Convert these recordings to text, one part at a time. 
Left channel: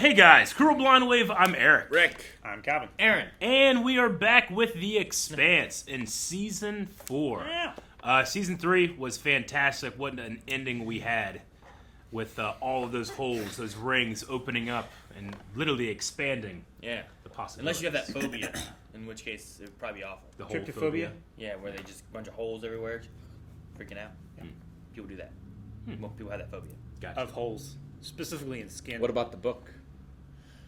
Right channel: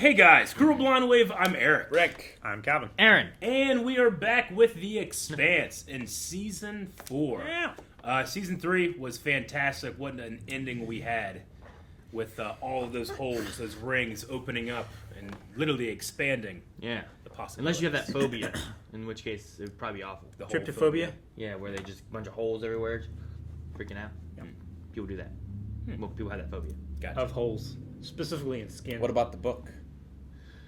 Hey guys, Cruel Blonde Wave, I'm Eric. Rick. I'm Calvin. Aaron. And we are back with The Expanse in Season 4. Season 3 was fantastic. What an ending we had with all of those holes, those rings opening up and literally expanding. Yeah. The possibilities. Unless you have that phobia, in which case it would probably be awful. The whole Tryptophobia? Yeah, where they just a bunch of holes everywhere, freaking out. Yeah. People do that. Well, people have that phobia. Gotcha. Of holes. Specifically in skin. What about the book?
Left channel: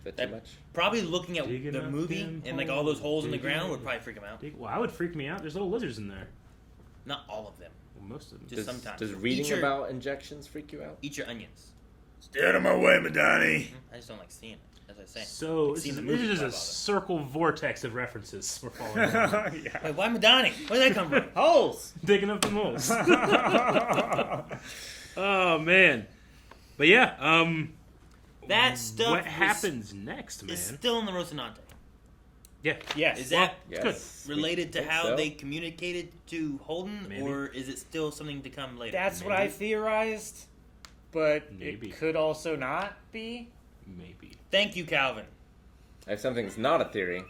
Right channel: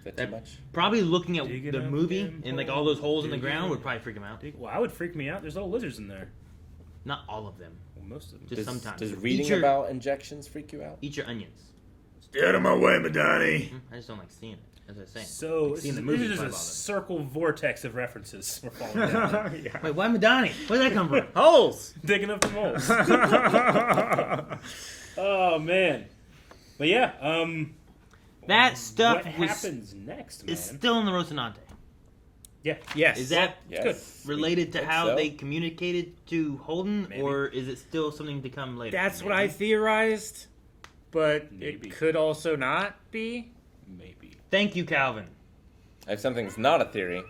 Get too That- much? Probably looking at Digging the up movie them and like all those holes in the digging ground would up. probably freak them out. Well, I would freak me out. There's little lizards in there. Not all of them. Well, most of them. Just sometimes. Does Eat reading your- about injections freak you out? Eat your onions. Stay out of my way, Madani. I just don't like seeing it, as I was saying. So, Like, this seeing is, the this movie is just a probably bothers. circle vortex of references we're following down. Yeah. Wait, why Madani? Where did that come from? Holes! Digging up some holes. Oh, man. But yeah, That stuff what happens next, man? is still in the Rocinante. Yeah. Yes. Is that Yes. related to Think how so. they communicated to Holden, Maybe. or is it still something to come later? That's what I theorized, but Maybe. it could also not be. Maybe. Thank you, Calvin. I have something that's not a theory.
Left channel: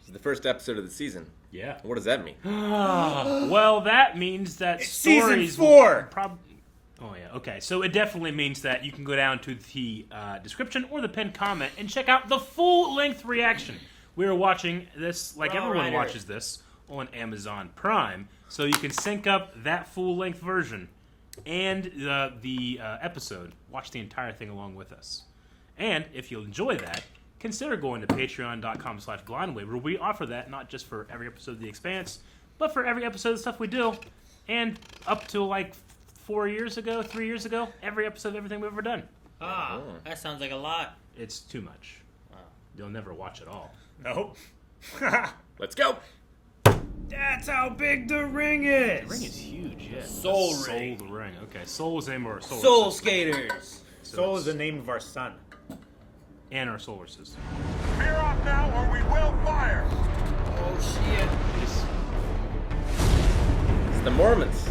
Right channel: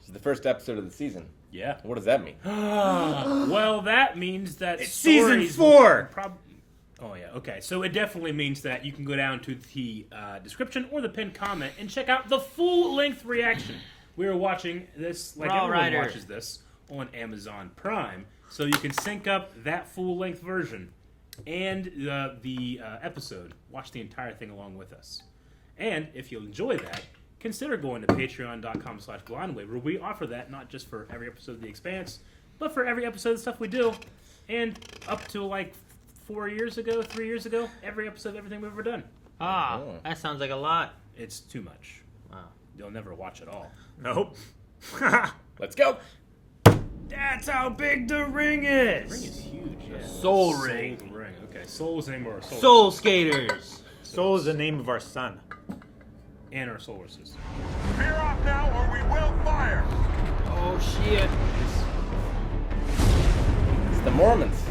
It's the first episode of the season. Yeah. What does that mean? Well, that means that It's season stories 4! Oh, yeah. Okay. So it definitely means that you can go down to the description or the pinned comment and check out the full-length reaction. We are watching this, like Raw everyone Rider. watches this, on Amazon Prime. So you can sync up that full-length version and the episode. Watch the entire thing along with us. And if you enjoy that, consider going to patreon.com/blindwave, where we offer that not just for every episode of The Expanse, but for every episode of stuff we do. And up to like 3 years ago, every episode of everything we've ever done. That sounds like a lot. It's too much. Wow. You'll never watch it all. Nope. Let's go! That's how big the ring is! The ring is huge, yeah. Soul ring. Soul ring. Okay, Soul is the name of our soul. Soul Skaters. Soul is the name of our son. And our solar system. Veer off now or we will fire! Oh shit. It's the Mormons.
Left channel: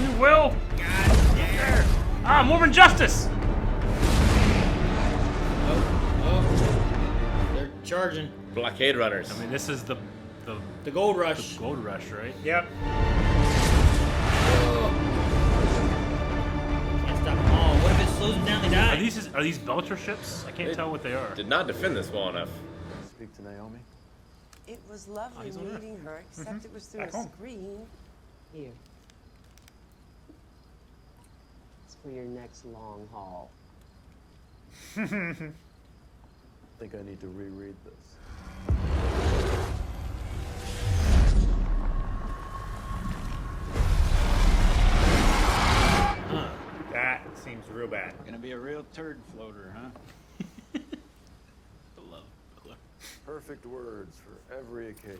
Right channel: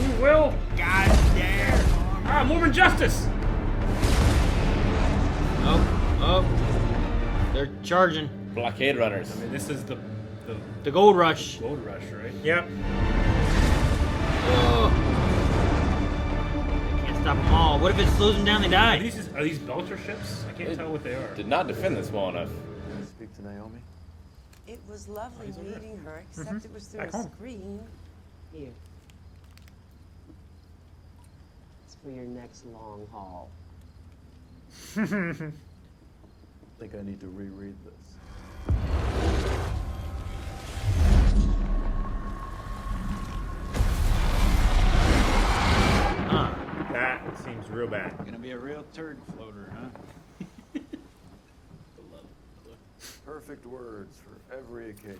We will! God damn. Mormon justice! Oh. They're charging. Blockade runners. I mean, this is the The gold rush. gold rush, right? Yep. Can't stop them all. What if it slows them down? They Are die. these Belcher ships? I can't tell what they are. Did not defend this well enough. Speak to Naomi. It was lovely meeting her, except it was through a screen. Here. It's for your next long haul. I think I need to reread this. That seems real bad. Gonna be a real turd floater, huh? Perfect words for every occasion.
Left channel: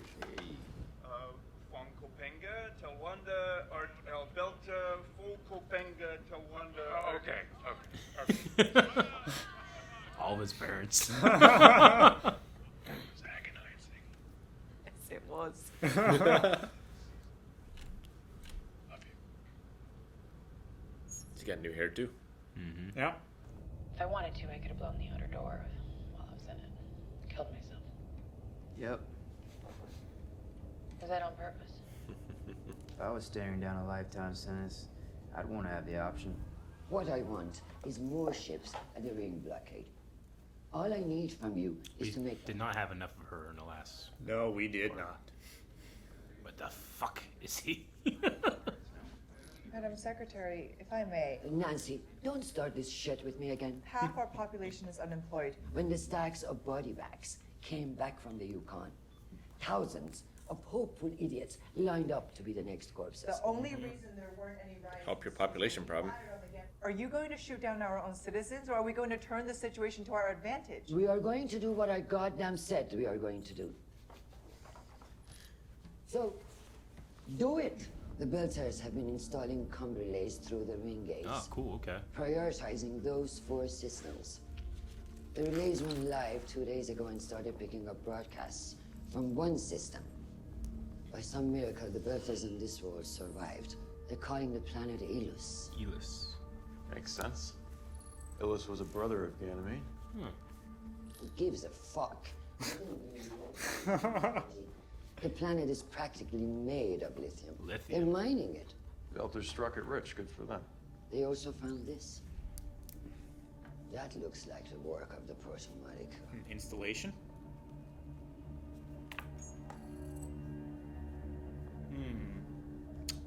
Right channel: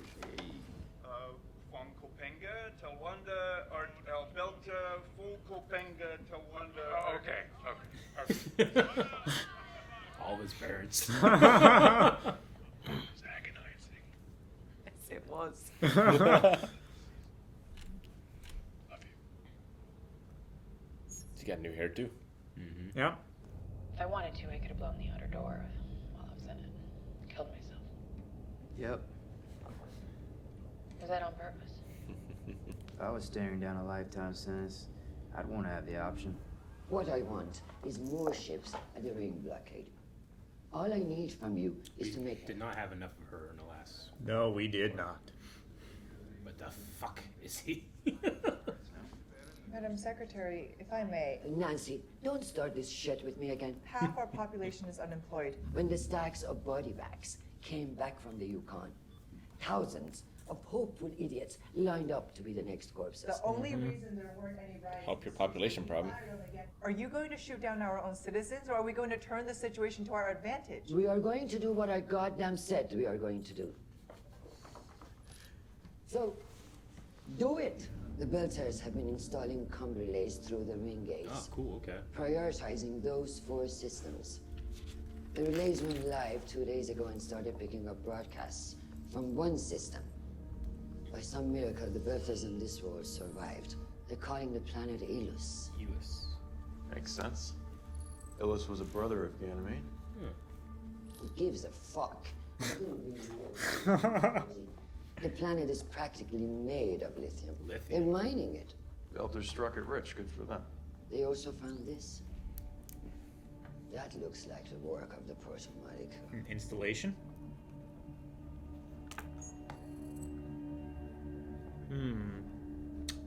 Van Kopenga, Talwanda, or Belta, Full Kopenga, Talwanda. Okay. All of his parents. Yes, it was. She got new hair too. Yeah. If I wanted to, I could have blown the outer door while I was in it. Killed myself. Yep. Was that on purpose? If I was staring down a lifetime sentence, I'd want to have the option. What I want is more ships at the ring blockade. All I need from you is to make Did not have enough of her in the last. No, we did not. What the fuck is he? Madam Secretary, if I may, Nancy, don't start this shit with me again. half our population is unemployed. When the stacks of body bags came back from the Yukon, thousands of hopeful idiots lined up to be the next corpses. The only reason there weren't any riots. Help your population problem. Are you going to shoot down our own citizens, or are we going to turn the situation to our advantage? We are going to do what I goddamn said we are going to do. So, do it. The Belters have been installing com relays through the ring gates, Oh, cool. Okay. prioritizing those 4 systems. The relays went live 2 days ago and started picking up broadcasts from one system. By some miracle, the Belters in this world survived. They're calling the planet Ilus. Ilus. Makes sense. Ilus was a brother of Ganymede. Who gives a fuck? The planet is practically made of lithium. They're mining it. Belters struck it rich. Good for them. They also found this. That looks like the work of the proto molecule. An installation?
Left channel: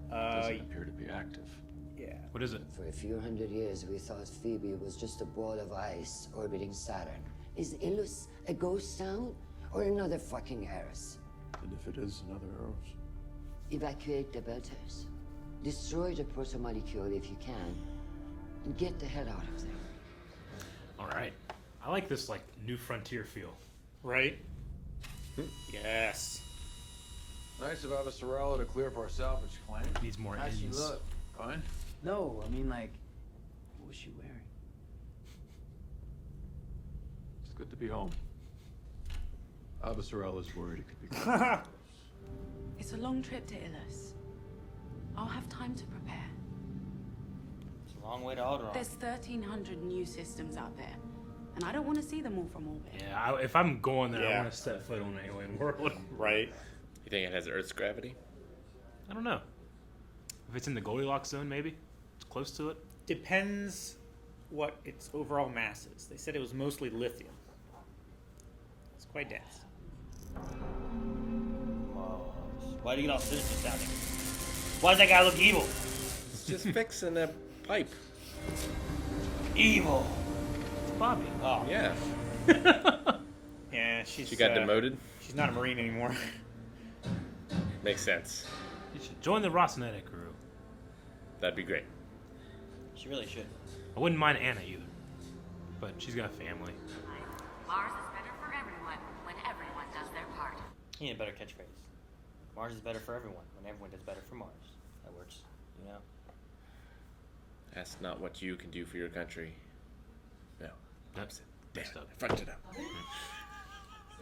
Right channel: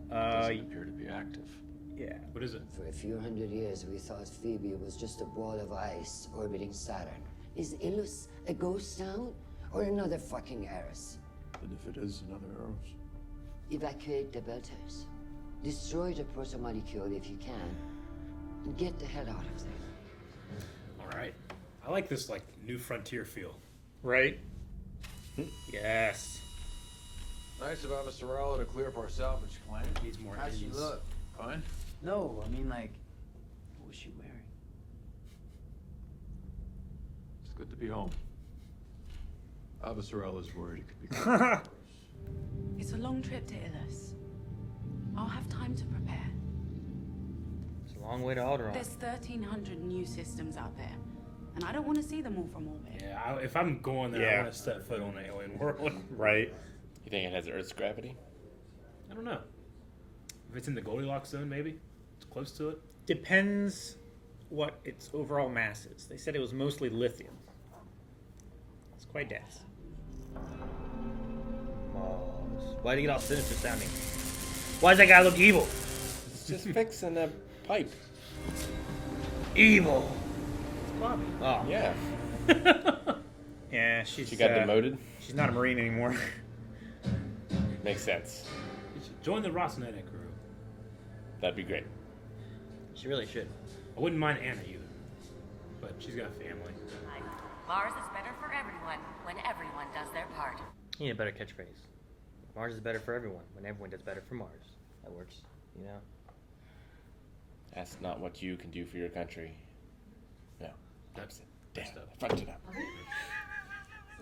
Doesn't appear to be active. Yeah. What is it? For a few hundred years, we thought Phoebe was just a ball of ice orbiting Saturn. Is Ilus a ghost town or another fucking Eris? And if it is another Eros? Evacuate the Belters. Destroy the proto molecule if you can, and get the hell out of there. All right. I like this like New Frontier feel. Right? Yes. Nice of Avasarala to clear up our salvage claim. Needs more How'd she enemies. look? Fine. No, I mean, like, what was she wearing? It's good to be home. Avasarala's worried it could be close. It's a long trip to Ilus. I'll have time to prepare. It's a long way to Alderaan. There's 1,300 new systems out there, and I don't want to see them all from orbit. Yeah, if I'm going there, I Yeah. want to set foot on an alien world. Right. You think it has Earth's gravity? I don't know. If it's in the Goldilocks zone, maybe it's close to it. Depends what its overall mass is. They said it was mostly lithium. It's quite dense. Why do you get all sinister sounding? Why does that guy look evil? It's just fixing a pipe. Evil. It's Bobbie. Oh. Yeah. Yeah, she's. She got demoted? She's not a Marine anymore. Makes sense. You should join the Rocinante crew. That'd be great. She really should. I wouldn't mind Anna either, but she's got a family. Mars is better for everyone when everyone does their part. You need a better catchphrase. Mars is better for everyone when everyone does better for Mars. That works, you know? That's not what you can do for your country. No. That's Damn, messed up. I fucked it up.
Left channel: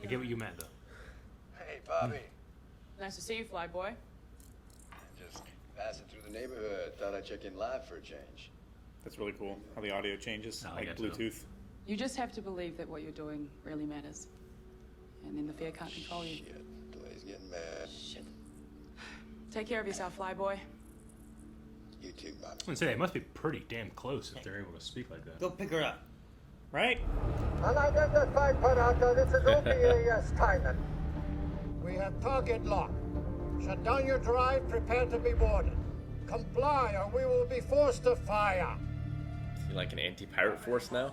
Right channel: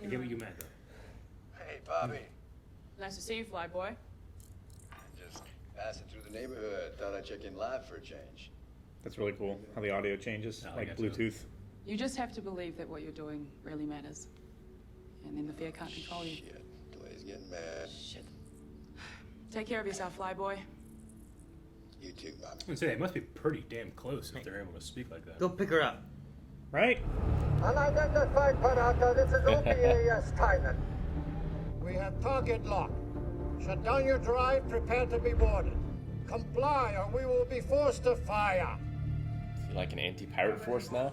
I get what you meant though. Hey, Bobbie. Nice to see you, Flyboy. Just passing through the neighborhood. Thought I'd check in live for a change. That's really cool. How the audio changes, I like like it too. Bluetooth. You just have to believe that what you're doing really matters. And then the fear can't control you. Shit. Delay's getting mad. Shit. Take care of yourself, Flyboy. You too, Bobbie. I would say they must be pretty damn close if they're able to speak like that. Go pick her up. Right? Unidentified Parata, this is OPAS Thailand. We have target lock. Shut down your drive, prepare to be boarded. Comply or we will be forced to fire. Is he like an anti-pirate force now?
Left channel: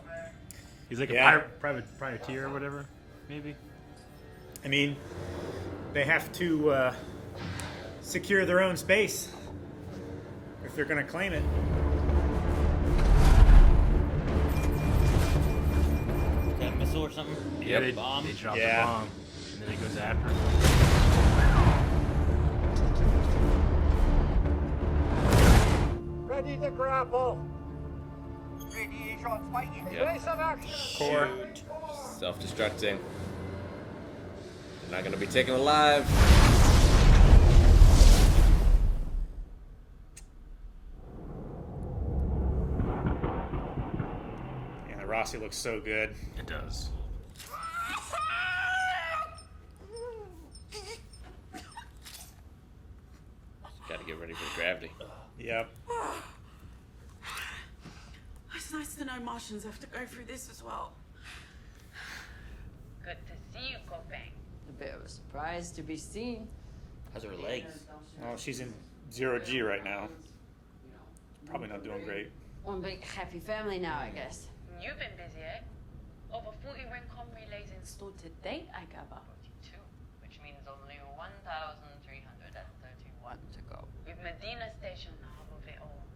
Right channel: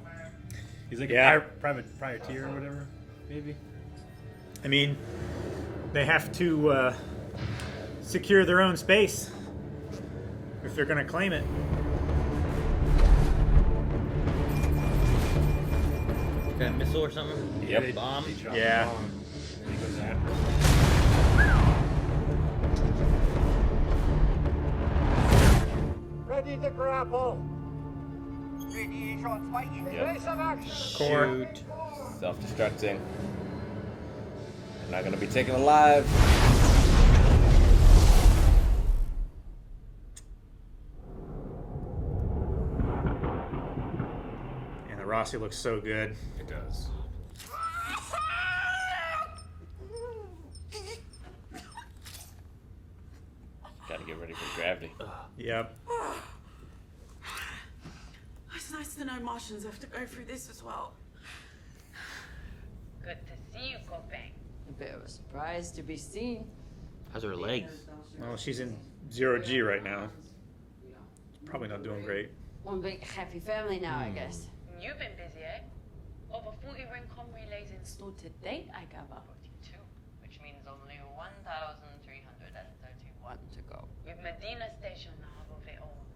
He's like Yeah. a privateer or whatever, maybe. I mean, they have to secure their own space if they're going to claim it. Is that a missile or something? Yeah, they bomb. They drop Yeah. the bomb, and then he goes after. Ready to grapple. Radiation fighting. Place of action. Core. Shoot. Self-destructing. They're not gonna be taken alive. Yeah, the Rossi looks so good. It does. Gotta get ready for gravity. Yep. It's nice to know Martians have to go through this as well. Good to see you, Copain. A bit of a surprise to be seen. How's her legs? Well, she's in 0G right now. Probably not doing great. One big happy family now, I guess. You've been busy, eh? Over 40 Rincon relays Installed to date, I gather. 42, which means only 1,331 to go. with Medina Station half of it all.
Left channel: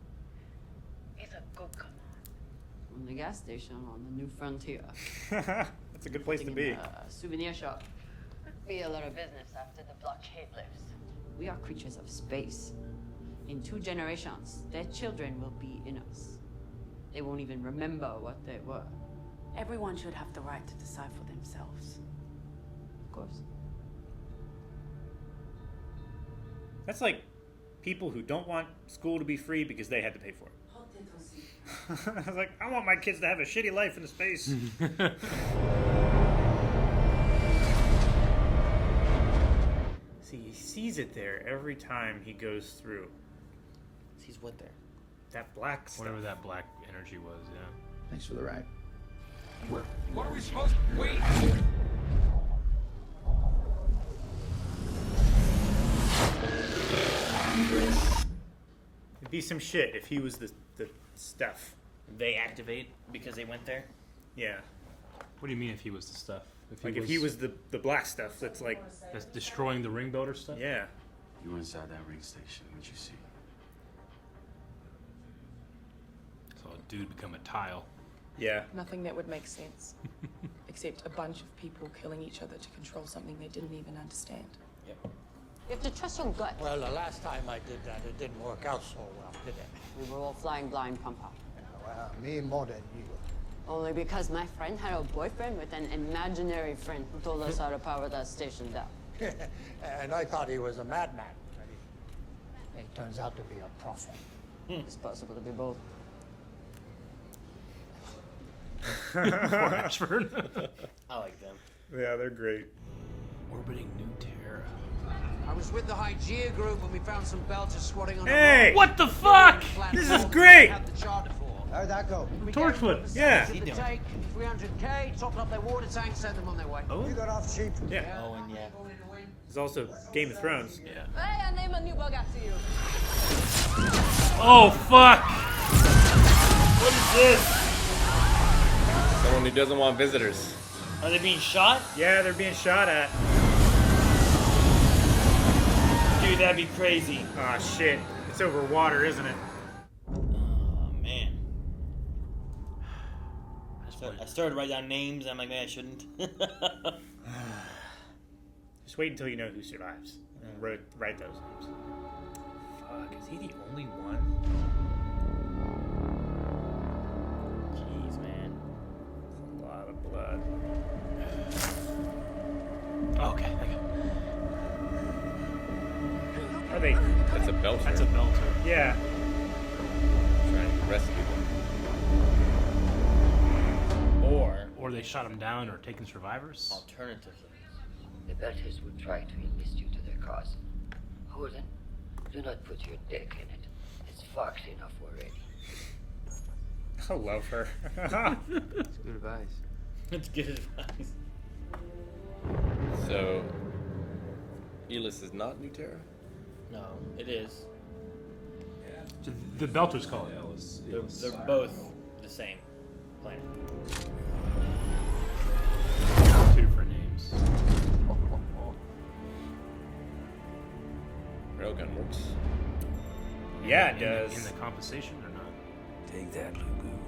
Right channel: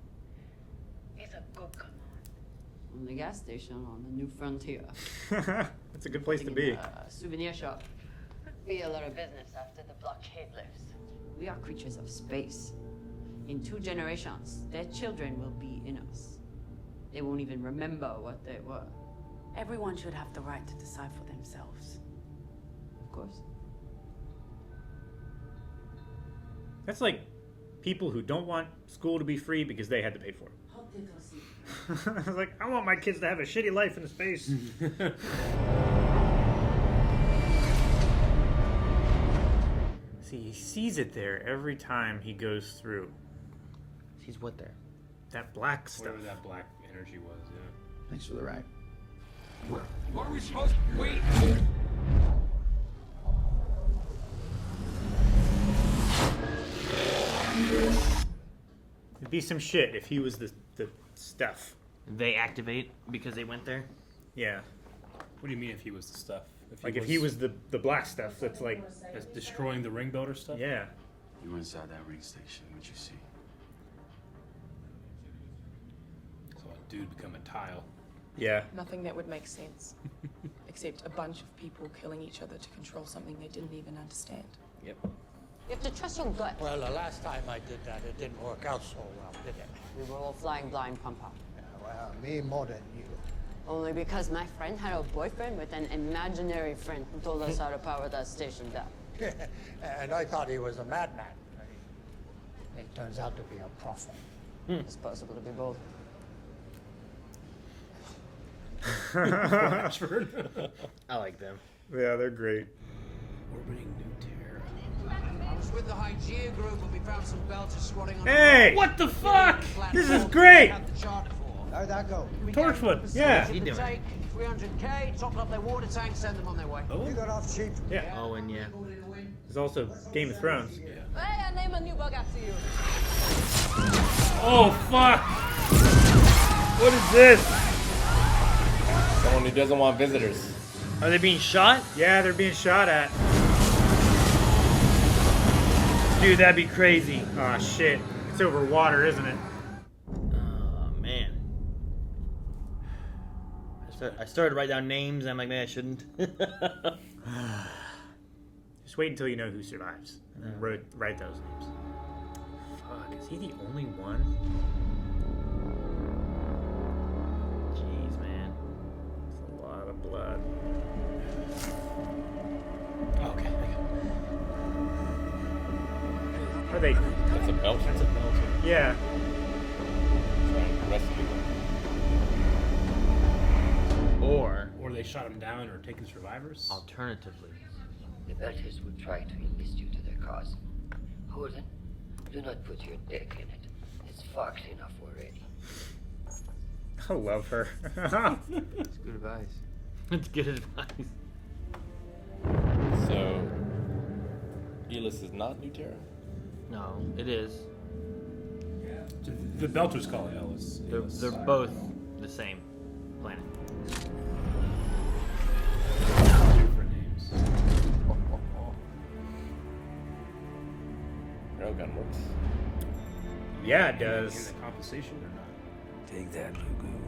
It's a good command. On the gas station on the New Frontier. That's a good place to be. A souvenir shop. Be a lot of business after the blockade lifts. We are creatures of space. In 2 generations, their children will be in us. They won't even remember what they were. Everyone should have the right to decide for themselves. Of course. That's like people who don't want school to be free because they had to pay for it. I was like, I want my kids to have a shitty life in space. See, he sees it there every time he goes through. Sees what there? That black stuff. Whatever that black energy was, yeah. Thanks for the ride. What are we supposed to... Wait! It'd be some shit if he was the stuff. They activate because they went there? Yeah. What do you mean if he was the stuff? If he was the black stuff, that's like... That's destroying the ring builder stuff? Yeah. You were inside that ring station. What'd you see? So a dude become a tile. Yeah. Nothing that would make sense. Except a bunch of people killing each other to control something they didn't even understand. Yep. You have to trust your gut. Well, the last time I did that, it didn't work out so well, did it? We were all flying blind, Pampa. Yeah, well, me more than you. Only because my friend had a boyfriend with an imaginary friend who told us how to power that station down. And I thought he was a madman. He turns out to be a prophet. It's possible to be both. Ashford. I like them. Yeah, they're great. Orbiting New Terra. I was with the Hygeia group when we found some belters squatting on Hey! a What the fuck? This is great! Had the charter for. How'd that go? We Torchwood, gave them a yeah. percentage of the take, 300k, top up their water tank, send them on their way. You got off cheap. Yeah. Oh, and yeah. There's also Game of Thrones. Yeah. Hey, I name a new bug after you. Oh, fuck! What is this? Someone who doesn't want visitors. Are they being shot? Yeah, they're being shot at. Dude, that'd be crazy. Oh, shit. It's over water, isn't it? Oh, man. I started to write down names, and I'm like, man, I shouldn't. Just wait until you know who survives, and then write those names. Fuck, is he the only one? Jeez, man. That's a lot of blood. Okay. Are they? That's a belt. That's a belt. Yeah. Trying to rescue him. Or they shot him down or taken survivors. Alternatively. The Belters will try to enlist you to their cause. Holden, do not put your dick in it. It's fucked enough already. I love her. It's good advice. That's good advice. So, Ilus is not New Terra? No, it is. The Belters call it Ilus. They're both the same planet. Different names. Railgun works. Yeah, it In does. the compensation or not? Take that, Lugu.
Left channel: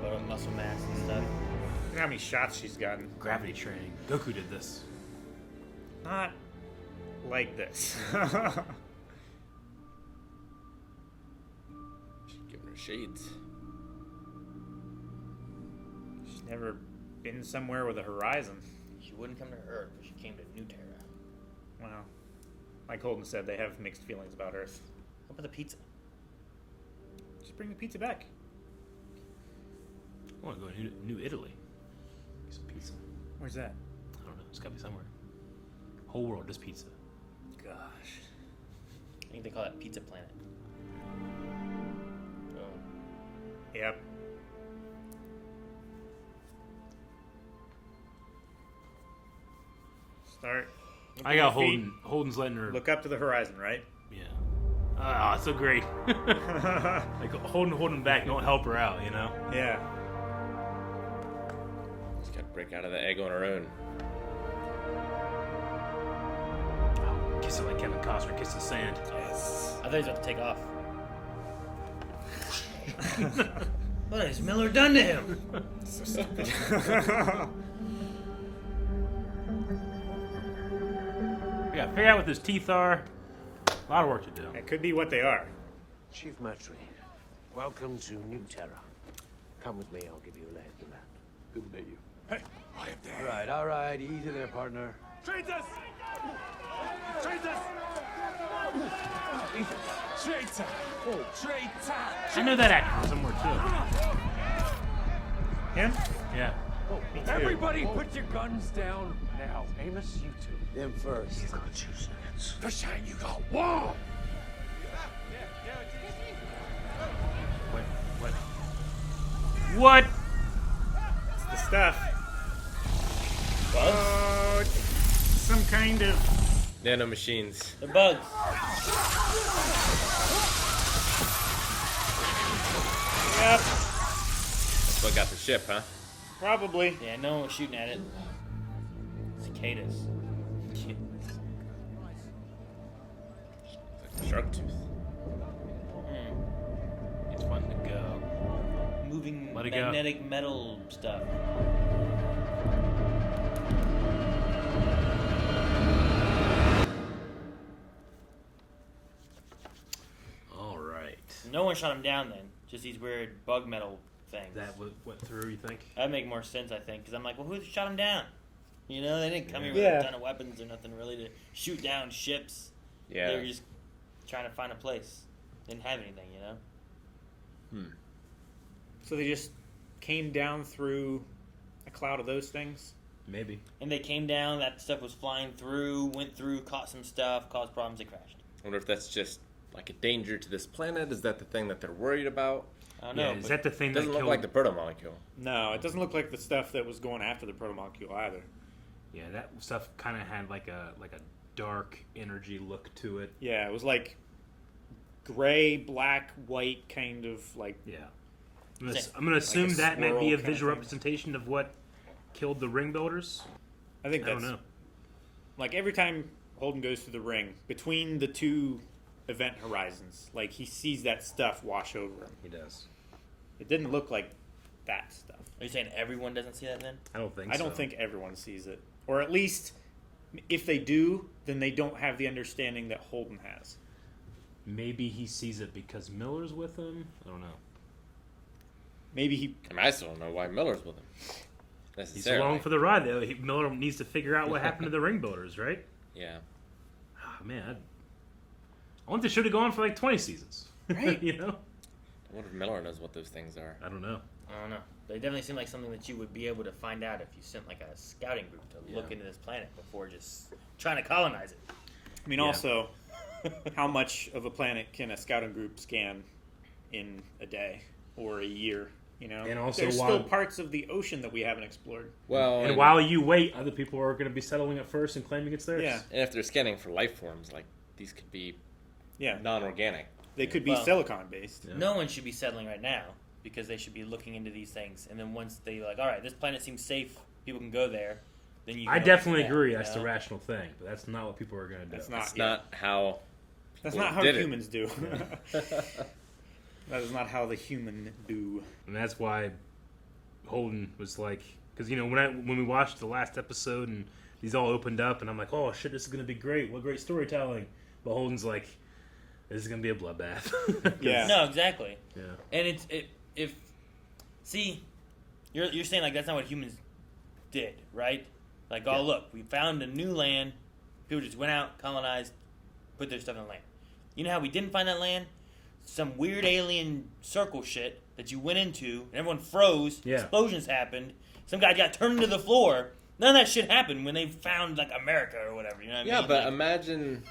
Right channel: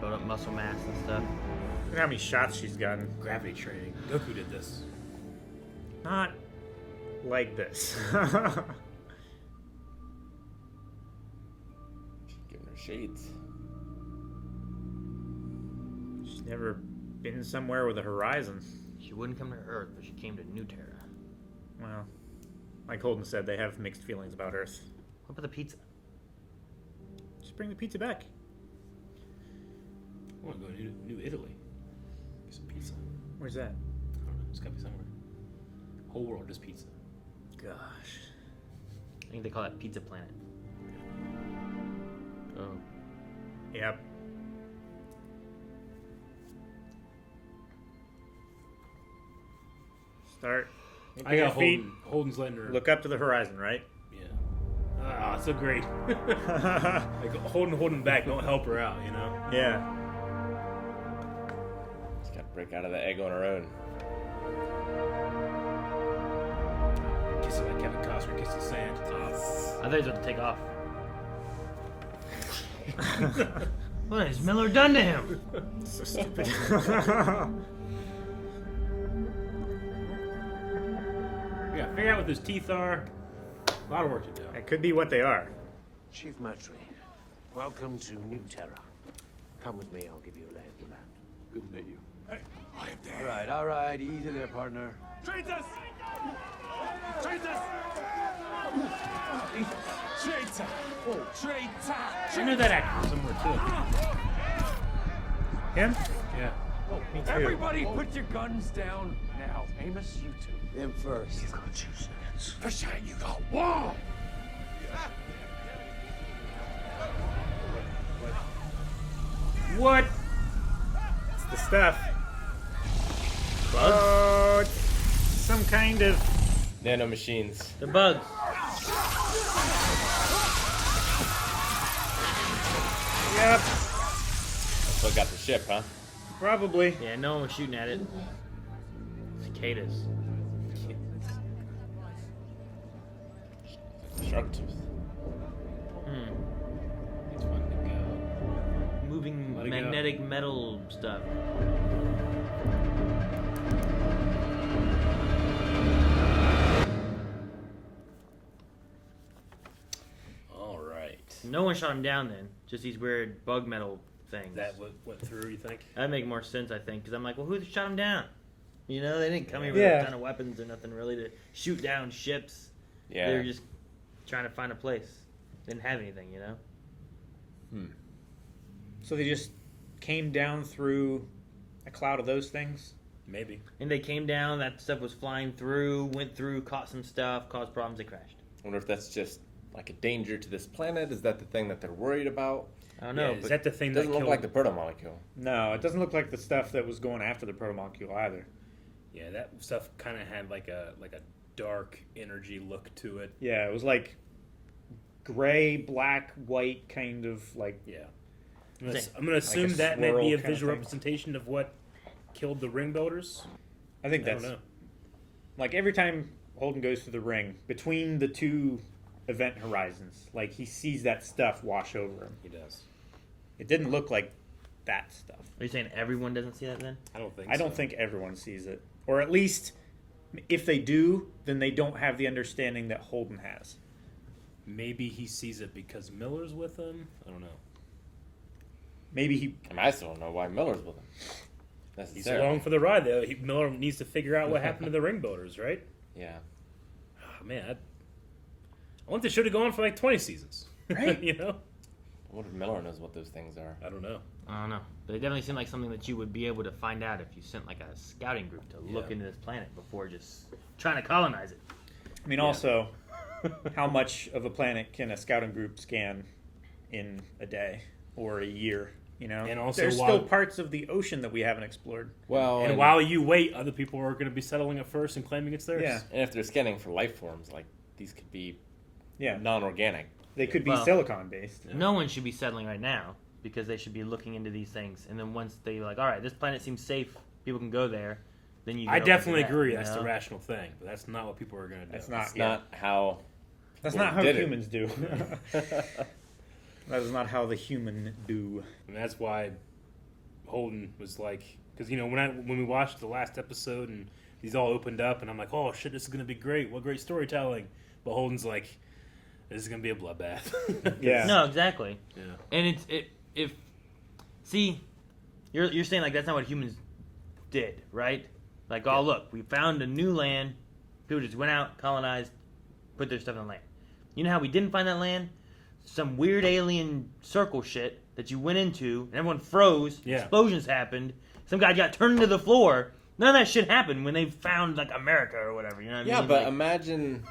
Build up muscle mass and stuff. Look how many shots she's gotten. Gravity training. Goku did this. Not like this. She's giving her shades. She's never been somewhere with a horizon. She wouldn't come to Earth, but she came to New Terra. Well, like Holden said, they have mixed feelings about Earth. What about the pizza? Just bring the pizza back. I want to go to New Italy. Get some pizza. Where's that? I don't know. It's got to be somewhere. Whole world is pizza. Gosh. I think they call it Pizza Planet. Oh. Yep. Start. I got Holden. Holden's letting her look up to the horizon, right? Yeah. Ah, so great. Like holding back, don't help her out, you know? Yeah. She's got to break out of the egg on her own. Kiss it like Kevin Costner kissed the sand. Yes. I thought he was about to take off. What has Miller done to him? So stupid. Yeah, figure out what those teeth are. A lot of work to do. That could be what they are. Chief Matry, welcome to New Terra. Come with me, I'll give you a lay of the land. Good to meet you. Hey, I am there. All right, easy there, partner. Traitors! Traitor! Traitor! I know that actor somewhere too. Him? Yeah. Everybody put your guns down now. Amos, you two. Him first. You got 2 seconds. Percent, you got 1! What? It's the stuff. Oh, some kind of nanomachines. The bugs. Yep. That's what got the ship, huh? Probably. Yeah, no one was shooting at it. Cicadas. Shark tooth. It's fun to go. Moving Let it magnetic metal stuff. All right. No one shot him down then. Just these weird bug metal things. That went through, you think? That'd make more sense, I think, because I'm like, well, who shot him down? You know, they didn't come here with Yeah. a ton of weapons or nothing really to shoot down ships. Yeah. They were just trying to find a place. Didn't have anything, you know? So they just came down through a cloud of those things? Maybe. And they came down, that stuff was flying through, went through, caught some stuff, caused problems, they crashed. I wonder if that's just like a danger to this planet. Is that the thing that they're worried about? I don't know. Yeah, is that the thing It that doesn't look killed... like the protomolecule. No, it doesn't look like the stuff that was going after the protomolecule either. Yeah, that stuff kind of had like a dark energy look to it. Yeah, it was like gray, black, white kind of like... Yeah. I'm gonna assume like a that may be swirl a kind of visual thing. representation of what killed the ring builders. I think I don't that's... know. Like every time Holden goes through the ring, between the two event horizons, like he sees that stuff wash over him. He does. It didn't look like that stuff. Are you saying everyone doesn't see that then? I don't think I don't think everyone sees it. Or at least, if they do, then they don't have the understanding that Holden has. Maybe he sees it because Miller's with him. I don't know. Maybe he... I mean, I still don't know why Miller's with him. He's Necessarily. along for the ride, though. Miller needs to figure out what happened to the ring builders, right? Yeah. Oh, man, I want the show to go on for like 20 seasons. Right. You know? I wonder if Miller knows what those things are. I don't know. I don't know. They definitely seem like something that you would be able to find out if you sent like a scouting group to look into this planet before just trying to colonize it. I mean, also, how much of a planet can a scouting group scan in a day or a year? You know, And also there's while- still parts of the ocean that we haven't explored. Well, And while you wait, other people are going to be settling it first and claiming it's theirs. Yeah. And if they're scanning for life forms, like these could be Yeah. non-organic. They could be Well, silicon based. No one should be settling right now because they should be looking into these things. And then once they like, all right, this planet seems safe, people can go there. Then you. I go definitely into that, agree. you That's the know? rational thing. But that's not what people are going to do. That's not. That's not how. That's people not how did it. humans do. That is not how the human do. And that's why Holden was like, because when we watched the last episode and these all opened up, and I'm like, oh shit, this is gonna be great. What great storytelling. But Holden's like, this is gonna be a bloodbath. Yeah. No, exactly. Yeah. And you're saying like that's not what humans did, right? Like, oh look, we found a new land. People just went out, colonized, put their stuff in the land. You know how we didn't find that land? Some weird alien circle shit that you went into, and everyone froze. Yeah. Explosions happened. Some guy got turned into the floor. None of that shit happened when they found like America or whatever. You know what I Yeah, mean? but Like, imagine,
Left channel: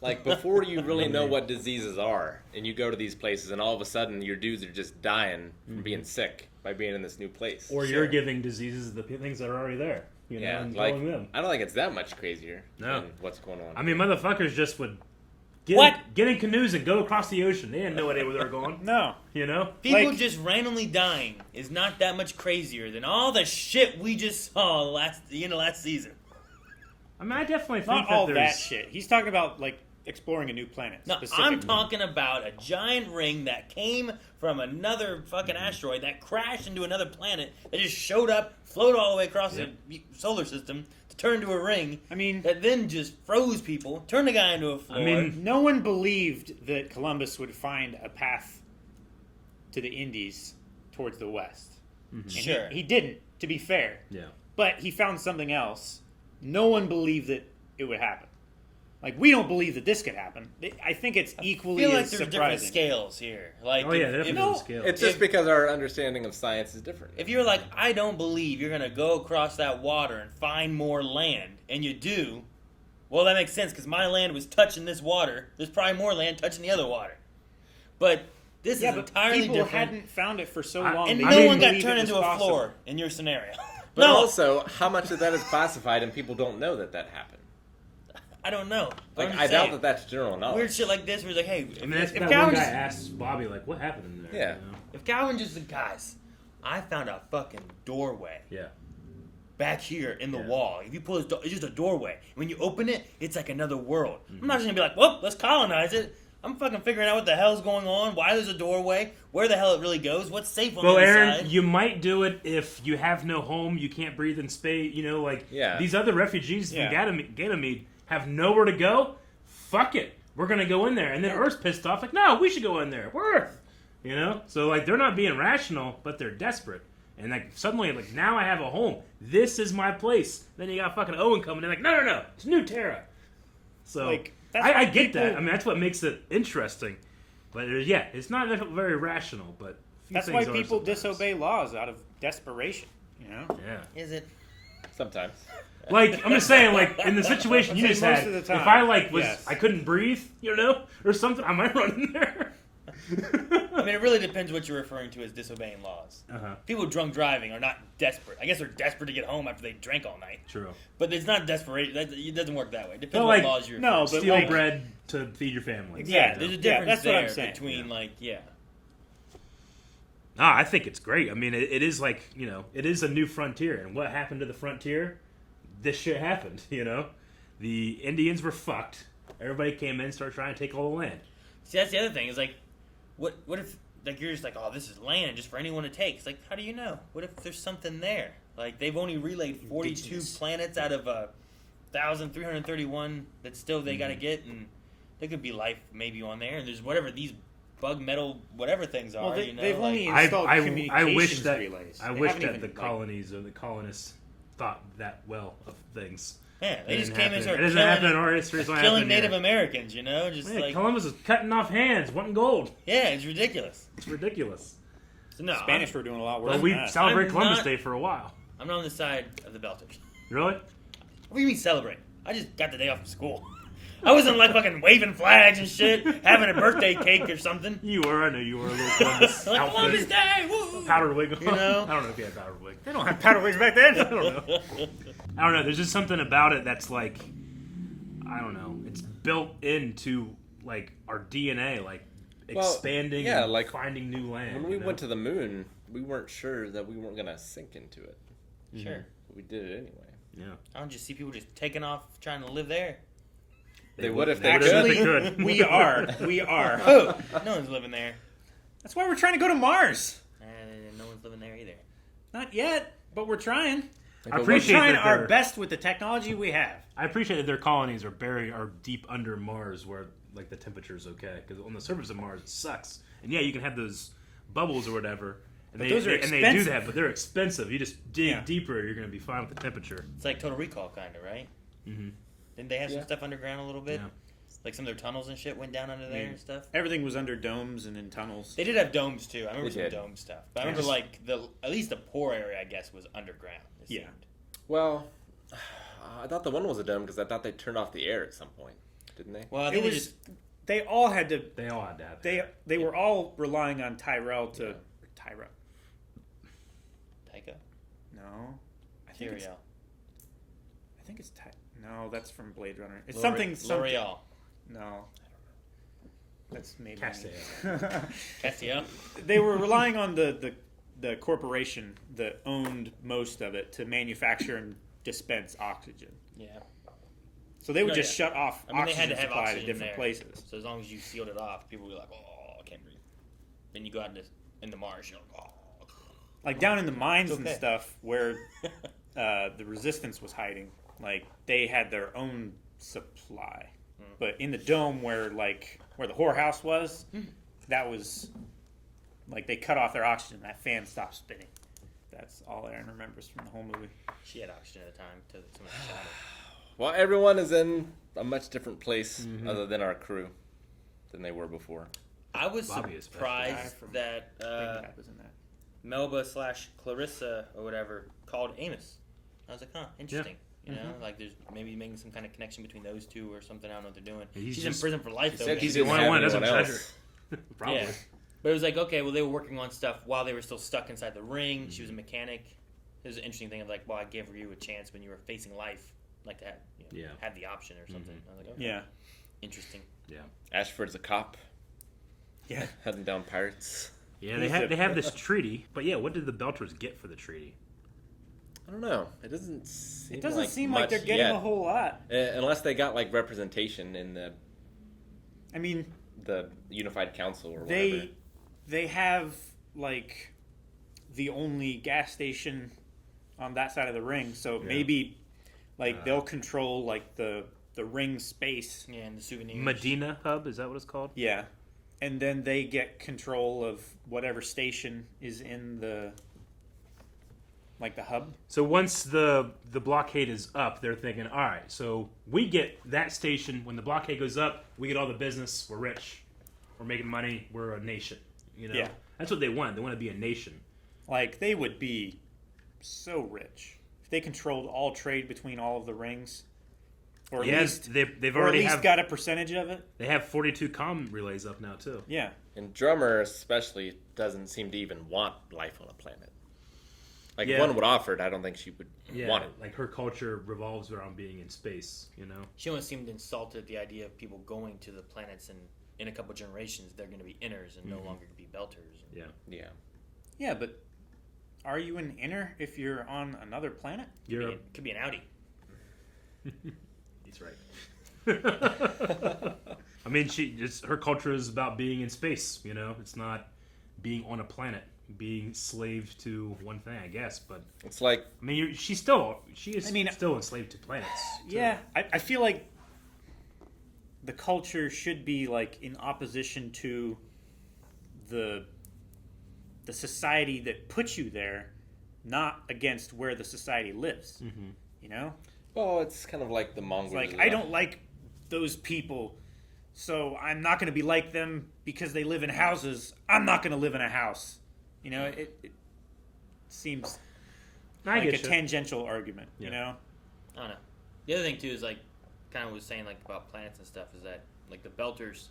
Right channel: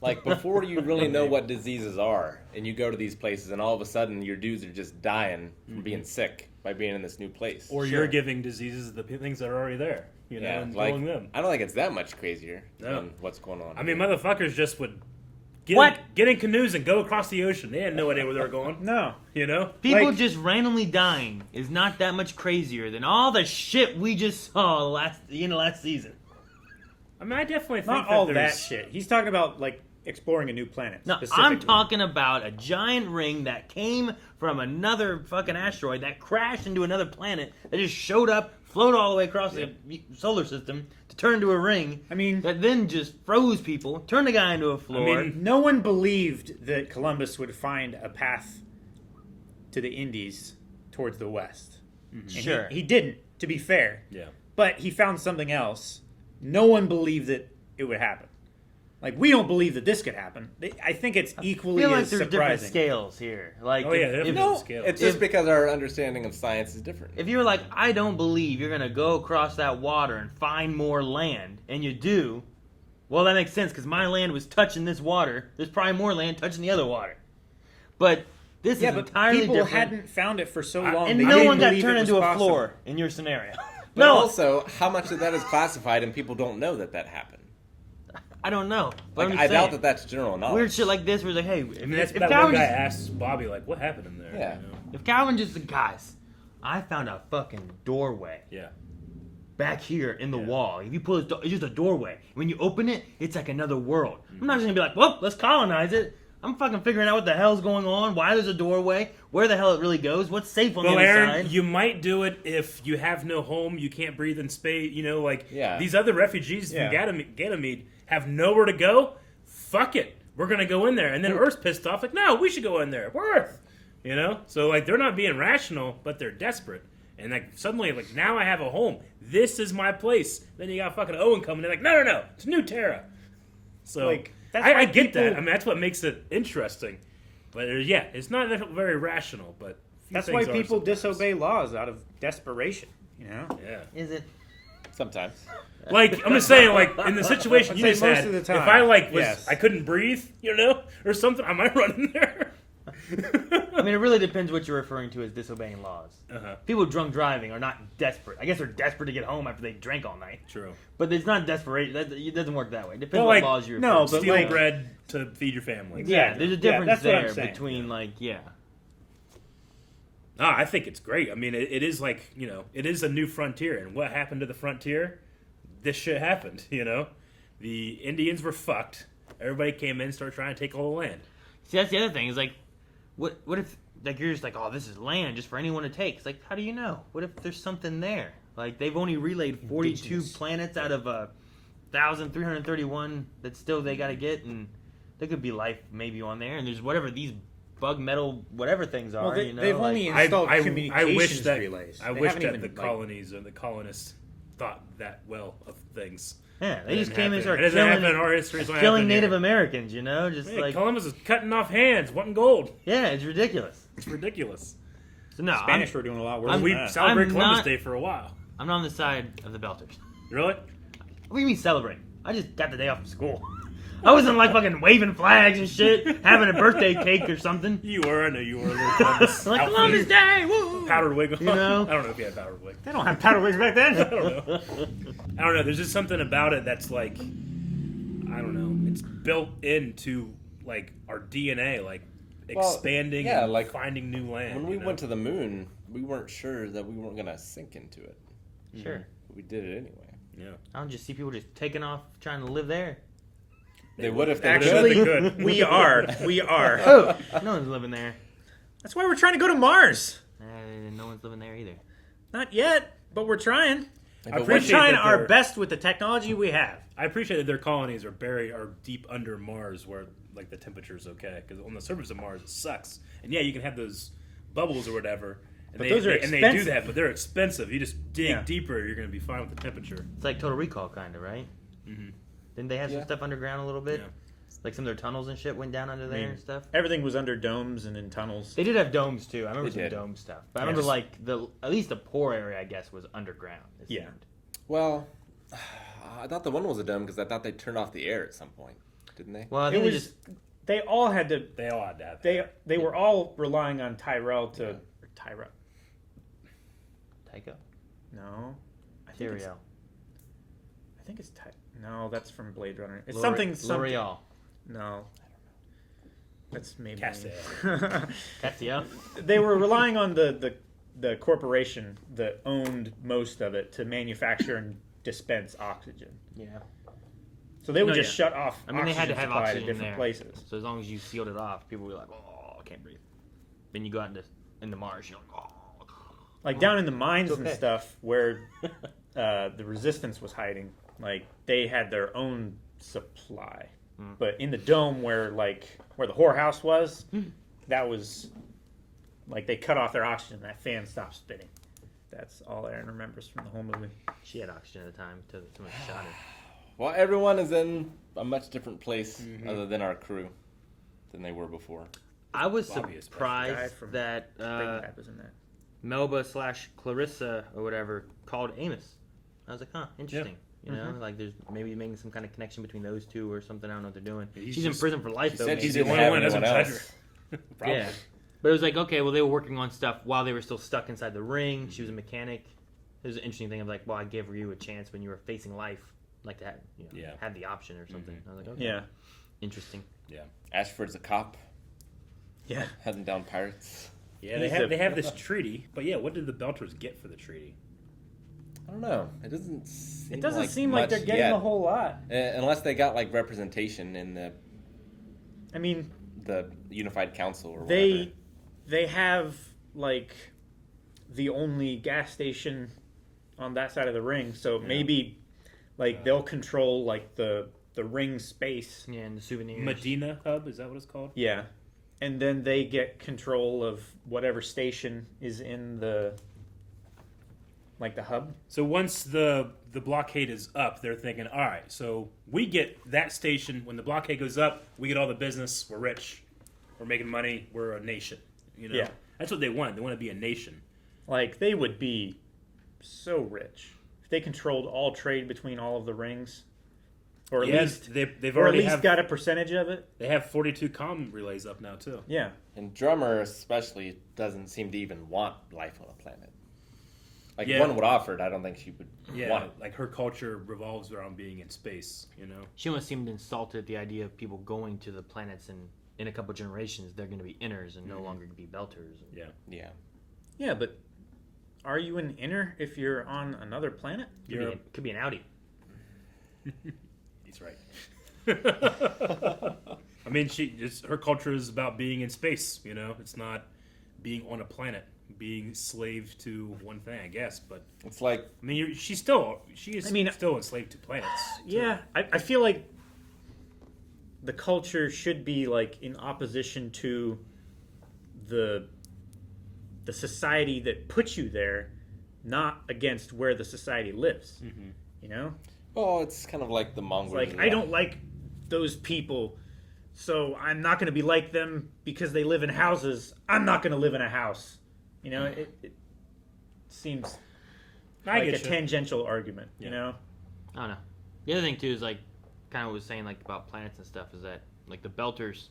like, before you really know what diseases are, and you go to these places, and all of a sudden your dudes are just dying from being sick by being in this new place. Or you're giving diseases the things that are already there. You know, Yeah, and like, killing them. I don't think it's that much crazier No. than what's going on. I mean, motherfuckers just would get in canoes and go across the ocean. They had no idea where they were going. No. You know? people just randomly dying is not that much crazier than all the shit we just saw the end of last season. I mean, I definitely think Not all that there's... shit. He's talking about like exploring a new planet. No, I'm specifically. talking about a giant ring that came from another fucking asteroid that crashed into another planet that just showed up, floated all the way across the solar system to turn into a ring. I mean, that then just froze people, turned the guy into a floor. I mean, no one believed that Columbus would find a path to the Indies towards the west. And Sure. He didn't, to be fair. Yeah. But he found something else. No one believed that it would happen. Like, we don't believe that this could happen. I think it's equally I feel like as there's different surprising. scales here. Like, scales. It's just because our understanding of science is different. If you're like, I don't believe you're gonna go across that water and find more land, and you do, well, that makes sense because my land was touching this water. There's probably more land touching the other water. But this is entirely people different. hadn't found it for so long. And they no didn't one got believe turned it was into a possible. floor in your scenario. But also, how much of that is classified and people don't know that happened? I don't know. But I doubt that that's general knowledge. Weird shit like this where it's like, hey, if that Calvin one guy just, asked Bobbie, like, what happened in there? Yeah. You know? if Calvin just said, guys, I found a fucking doorway. Yeah. Back here in the wall. If you pull this door, it's just a doorway. When you open it, it's like another world. I'm not just gonna be like, well, let's colonize it. I'm fucking figuring out what the hell's going on, why there's a doorway, where the hell it really goes, what's safe on the Aaron, inside. you might do it if you have no home, you can't breathe in space, these other refugees from Ganymede have nowhere to go. Fuck it. We're going to go in there. And then Earth's pissed off, like, no, we should go in there. We're Earth. So, like, they're not being rational, but they're desperate. And, like, suddenly, like, now I have a home. This is my place. Then you got fucking Owen coming in, like, no, it's New Terra. So, Like, I get that. I mean, that's what makes it interesting. But, it's not very rational, but... That's why people disobey laws out of desperation, Yeah. Is it? Sometimes. Like, I'm just saying, like, in the situation you just had, of the time, if I, like, I couldn't breathe, or something, I might run in there. I mean, it really depends what you're referring to as disobeying laws. People drunk driving are not desperate. I guess they're desperate to get home after they drank all night. True. But it's not desperation. It doesn't work that way. It depends Well, what like, laws you're referring to. steal bread to feed your family. Yeah, there's a difference that's what I'm there saying. between, No, I think it's great. I mean, it is like, it is a new frontier. And what happened to the frontier? This shit happened, The Indians were fucked. Everybody came in and started trying to take all the land. See, that's the other thing. Is like, what if like you're just like, oh, this is land just for anyone to take? It's like, how do you know? What if there's something there? Like, they've only relayed 42 planets out of 1,331 that still they got to get, and there could be life maybe on there. And there's whatever these bug metal whatever things are. Well, they've only installed communications relays. I wish that the colonies or the colonists thought that well of things. Yeah, they just came and started killing Native Americans, just like... Columbus is cutting off hands, wanting gold. Yeah, it's ridiculous. It's ridiculous. So no, Spanish were doing a lot worse. We celebrate Columbus Day for a while. I'm not on the side of the Belters. Really? What do you mean celebrate? I just got the day off from school. I wasn't like fucking waving flags and shit, having a birthday cake or something. You were, I know you were a little Columbus. Like Columbus Day, woo! Powdered wig. You know? I don't know if you had powdered wig. They don't have powdered wigs back then. I don't know. There's just something about it that's like, I don't know. It's built into like our DNA, like expanding and like finding new land. When we went to the moon, we weren't sure that we weren't gonna sink into it. Sure. We did it anyway. Yeah. I don't just see people just taking off trying to live there. They would have actually. We are. Oh, no one's living there. That's why we're trying to go to Mars. No one's living there either. Not yet, but we're trying. We're trying our best with the technology we have. I appreciate that their colonies are deep under Mars, where like the temperature's okay. Because on the surface of Mars, it sucks. And yeah, you can have those bubbles or whatever. And those are expensive. And they do that, but they're expensive. You just dig deeper, you're going to be fine with the temperature. It's like Total Recall, kind of, right? Mm-hmm. Didn't they have some stuff underground a little bit? Yeah. Like some of their tunnels and shit went down under there and stuff? Everything was under domes and in tunnels. They did have domes, too. I remember some dome stuff. But I remember, like, at least the poor area, I guess, was underground. Yeah. Well, I thought the one was a dome because I thought they turned off the air at some point. Didn't they? Well, I think they all had to... They all had to have that. They were all relying on Tyrell to... Tycho? No. I think it's No, that's from Blade Runner. It's something... L'Oreal. No. That's maybe... Castillo. They were relying on the corporation that owned most of it to manufacture and dispense oxygen. Yeah. So they would just shut off they had to have supply oxygen to different there. places. So as long as you sealed it off, people were like, oh, I can't breathe. Then you go out into Mars, you're like, oh. Like down in the mines and stuff where the resistance was hiding, like they had their own supply. But in the dome where the whorehouse was, that was like they cut off their oxygen. That fan stopped spinning. That's all Aaron remembers from the whole movie. She had oxygen at the time until someone shot her. Well, everyone is in a much different place other than our crew than they were before. I was Bobbie is surprised that was in that. Melba / Clarissa or whatever called Amos. I was like, huh, interesting. You know, like there's maybe making some kind of connection between those two or something. I don't know what they're doing. She's in prison for life, though. He's the only one that doesn't judge her. Probably. Yeah. But it was like, okay, well, they were working on stuff while they were still stuck inside the ring. She was a mechanic. It was an interesting thing of like, well, I gave you a chance when you were facing life, like to have, have the option or something. I was like, okay. Yeah. Interesting. Yeah. Ashford's a cop. Yeah. Hunting down pirates. Yeah, they have this treaty. But yeah, what did the Belters get for the treaty? I don't know. It doesn't seem like they're getting a whole lot. Unless they got like representation in the. I mean, the Unified Council. Or they have like the only gas station on that side of the ring, so maybe like they'll control like the ring space. Yeah, and the souvenirs. Medina Hub, is that what it's called? Yeah, and then they get control of whatever station is in the hub. So once the blockade is up, they're thinking, all right, so we get that station. When the blockade goes up, we get all the business. We're rich. We're making money. We're a nation. You know? Yeah. That's what they want. They want to be a nation. Like, they would be so rich if they controlled all trade between all of the rings. Or at least they've or already at least got a percentage of it. They have 42 comm relays up now too. Yeah. And Drummer especially doesn't seem to even want life on a planet. Like Yeah. one would offer it, I don't think she would want it. Like her culture revolves around being in space, you know? She almost seemed insulted at the idea of people going to the planets and in a couple generations they're going to be inners and no longer be belters. Yeah. Yeah. Yeah, but are you an inner if you're on another planet? Could be an Audi. He's right. I mean, her culture is about being in space, you know? It's not being on a planet, being slave to one thing, I guess, but it's like, I mean, she is still enslaved to planets. Yeah, I feel like the culture should be like in opposition to the society that puts you there, not against where the society lives. Mm-hmm. You know? Oh, it's kind of like the Mongols. It's like, I don't like those people, so I'm not going to be like them because they live in houses. I'm not going to live in a house. You know, it seems like a tangential argument, you know? I don't know. The other thing, too, is like, kind of was saying like about planets and stuff is that like the Belters,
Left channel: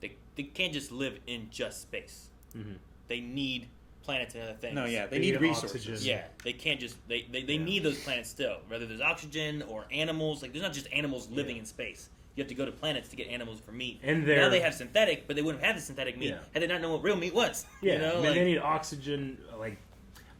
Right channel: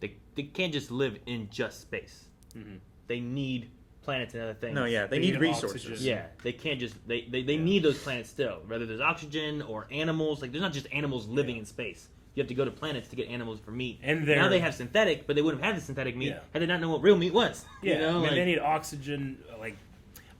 they can't just live in just space. Mm-hmm. They need planets and other things. No, yeah, they need resources. Oxygen. Yeah, they can't just they need those planets still. Whether there's oxygen or animals, like there's not just animals living in space. You have to go to planets to get animals for meat. And now they have synthetic, but they wouldn't have had the synthetic meat had they not known what real meat was. Yeah, you know, I mean, like, they need oxygen. Like,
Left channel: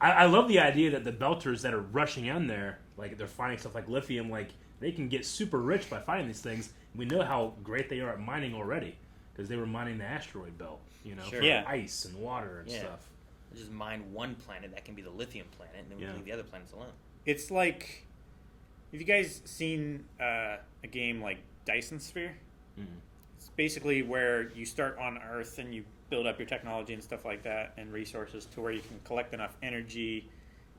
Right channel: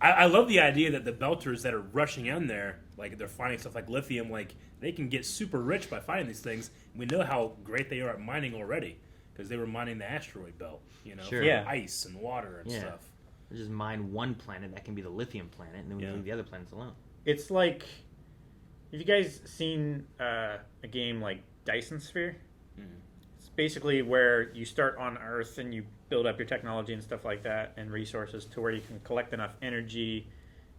I love the idea that the Belters that are rushing in there, like they're finding stuff like lithium, like they can get super rich by finding these things. We know how great they are at mining already because they were mining the asteroid belt, you know, for ice and water and stuff. We just mine one planet that can be the lithium planet, and then we leave the other planets alone. It's like, have you guys seen a game like Dyson Sphere? Mm-hmm. It's basically where you start on Earth and you build up your technology and stuff like that and resources to where you can collect enough energy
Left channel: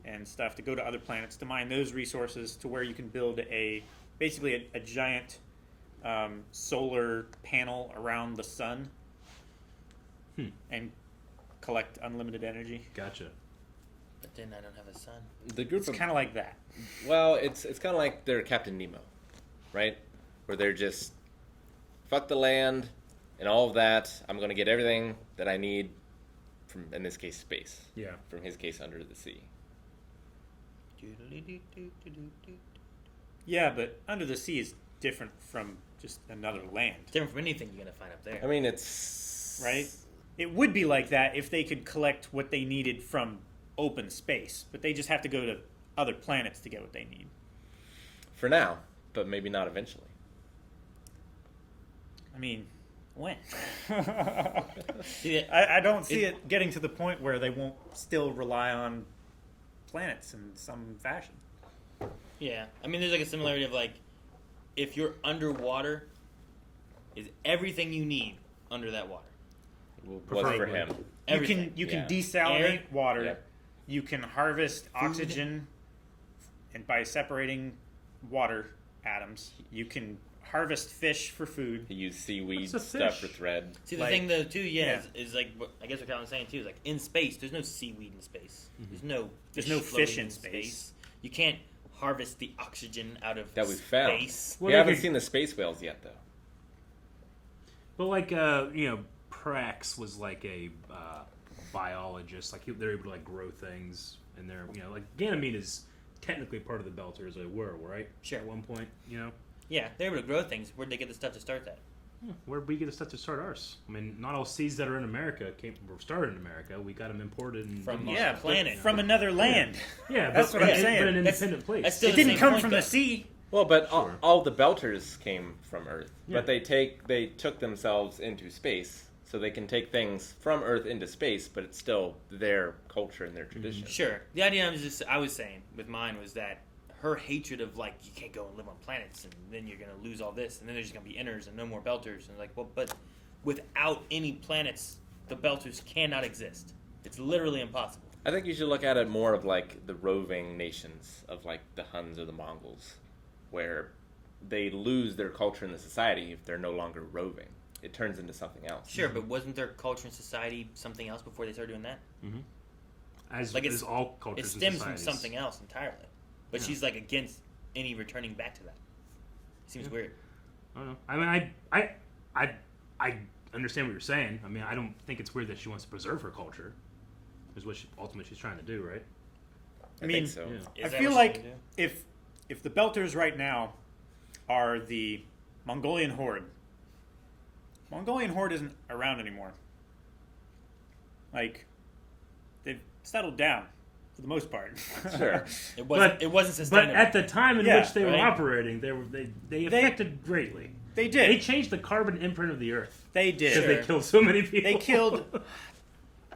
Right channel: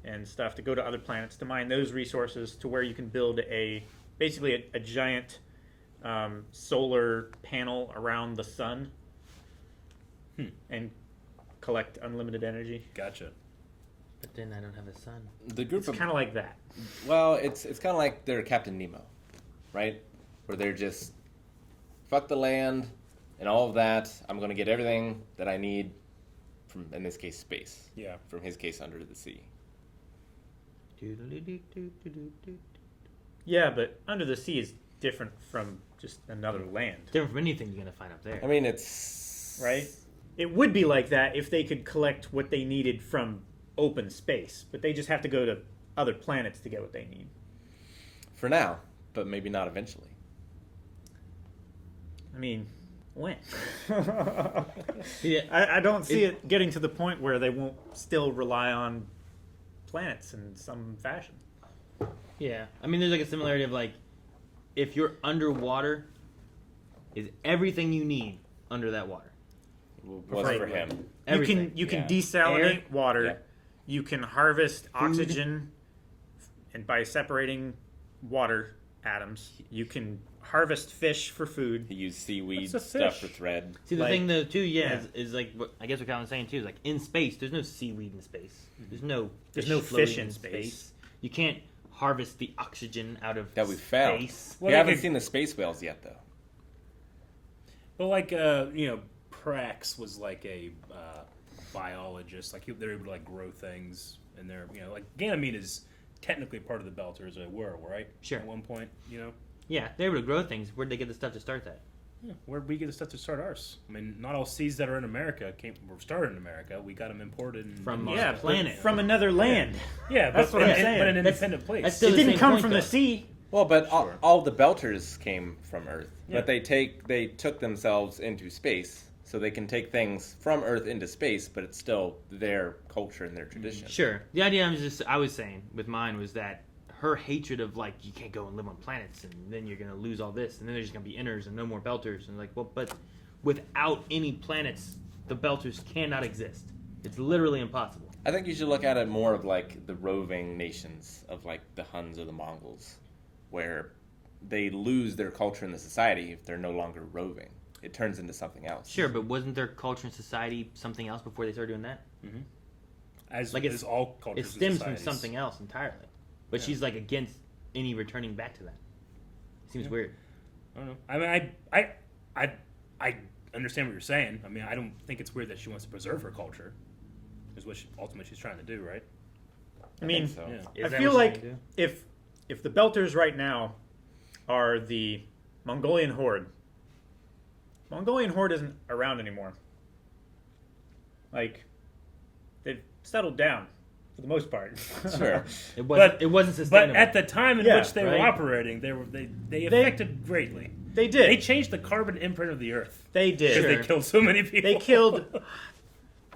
and stuff to go to other planets to mine those resources to where you can build basically a giant solar panel around the sun and collect unlimited energy. Gotcha. But then I don't have a sun. It's kind of like that. Well, it's kind of like they're Captain Nemo, right? Where they're just fuck the land and all of that. I'm going to get everything that I need from, in this case, space. Yeah. From his case, under the sea. Yeah, but under the sea is different from just another land. Different from anything you're going to find up there. I mean, it's... Right? It would be like that if they could collect what they needed from open space, but they just have to go to other planets to get what they need. For now, but maybe not eventually. I mean, when? I don't see it getting to the point where they won't still rely on planets in some fashion. Yeah. I mean, there's like a similarity of like, if you're underwater, is everything you need under that water. Well, for him. You can desalinate water. You can harvest oxygen and by separating water atoms. You can harvest fish for food. You use seaweed What's a stuff fish? for thread. See, the thing, though, too, is like, what I guess what Colin's saying, too, is like, in space, there's no seaweed in space. There's no fish in floating space. You can't harvest the oxygen out of That we found. space. We haven't seen the space whales yet, though. But like Prax was like a biologist. Like they're able to like grow things, and they're like Ganymede is technically part of the Belters. They were right. Sure. At one point, Yeah, they're able to grow things. Where'd they get the stuff to start that? Yeah, where'd we get the stuff to start ours? I mean, not all seeds that are in America were started in America. We got them imported From our our planet. From another land. Yeah, That's what I'm saying. But an independent place. That's still It the didn't same come point, from though. the sea. Well, but all the Belters came from Earth. Yeah. But they took themselves into space, so they can take things from Earth into space, but it's still their culture and their tradition. Sure. The idea I was saying with mine was that her hatred of like you can't go and live on planets and then you're gonna lose all this and then there's gonna be inners and no more Belters and like well but without any planets the Belters cannot exist. It's literally impossible. I think you should look at it more of like the roving nations of like the Huns or the Mongols, where they lose their culture in the society if they're no longer roving. It turns into something else. Sure, but wasn't their culture and society something else before they started doing that? Mm-hmm. As like is all cultures. It stems and from societies. something else entirely. But she's like against any returning back to that. Seems weird. I don't know. I mean, I understand what you're saying. I mean, I don't think it's weird that she wants to preserve her culture. Is what ultimately she's trying to do, right? I mean, think so. Yeah. I feel like if the Belters right now are the Mongolian Horde isn't around anymore. Like, they've settled down for the most part. Sure. It wasn't sustainable. But at the time in Yeah, which they were right? operating, they affected greatly. They did. They changed the carbon imprint of the Earth. They did. Because they killed so many people. They killed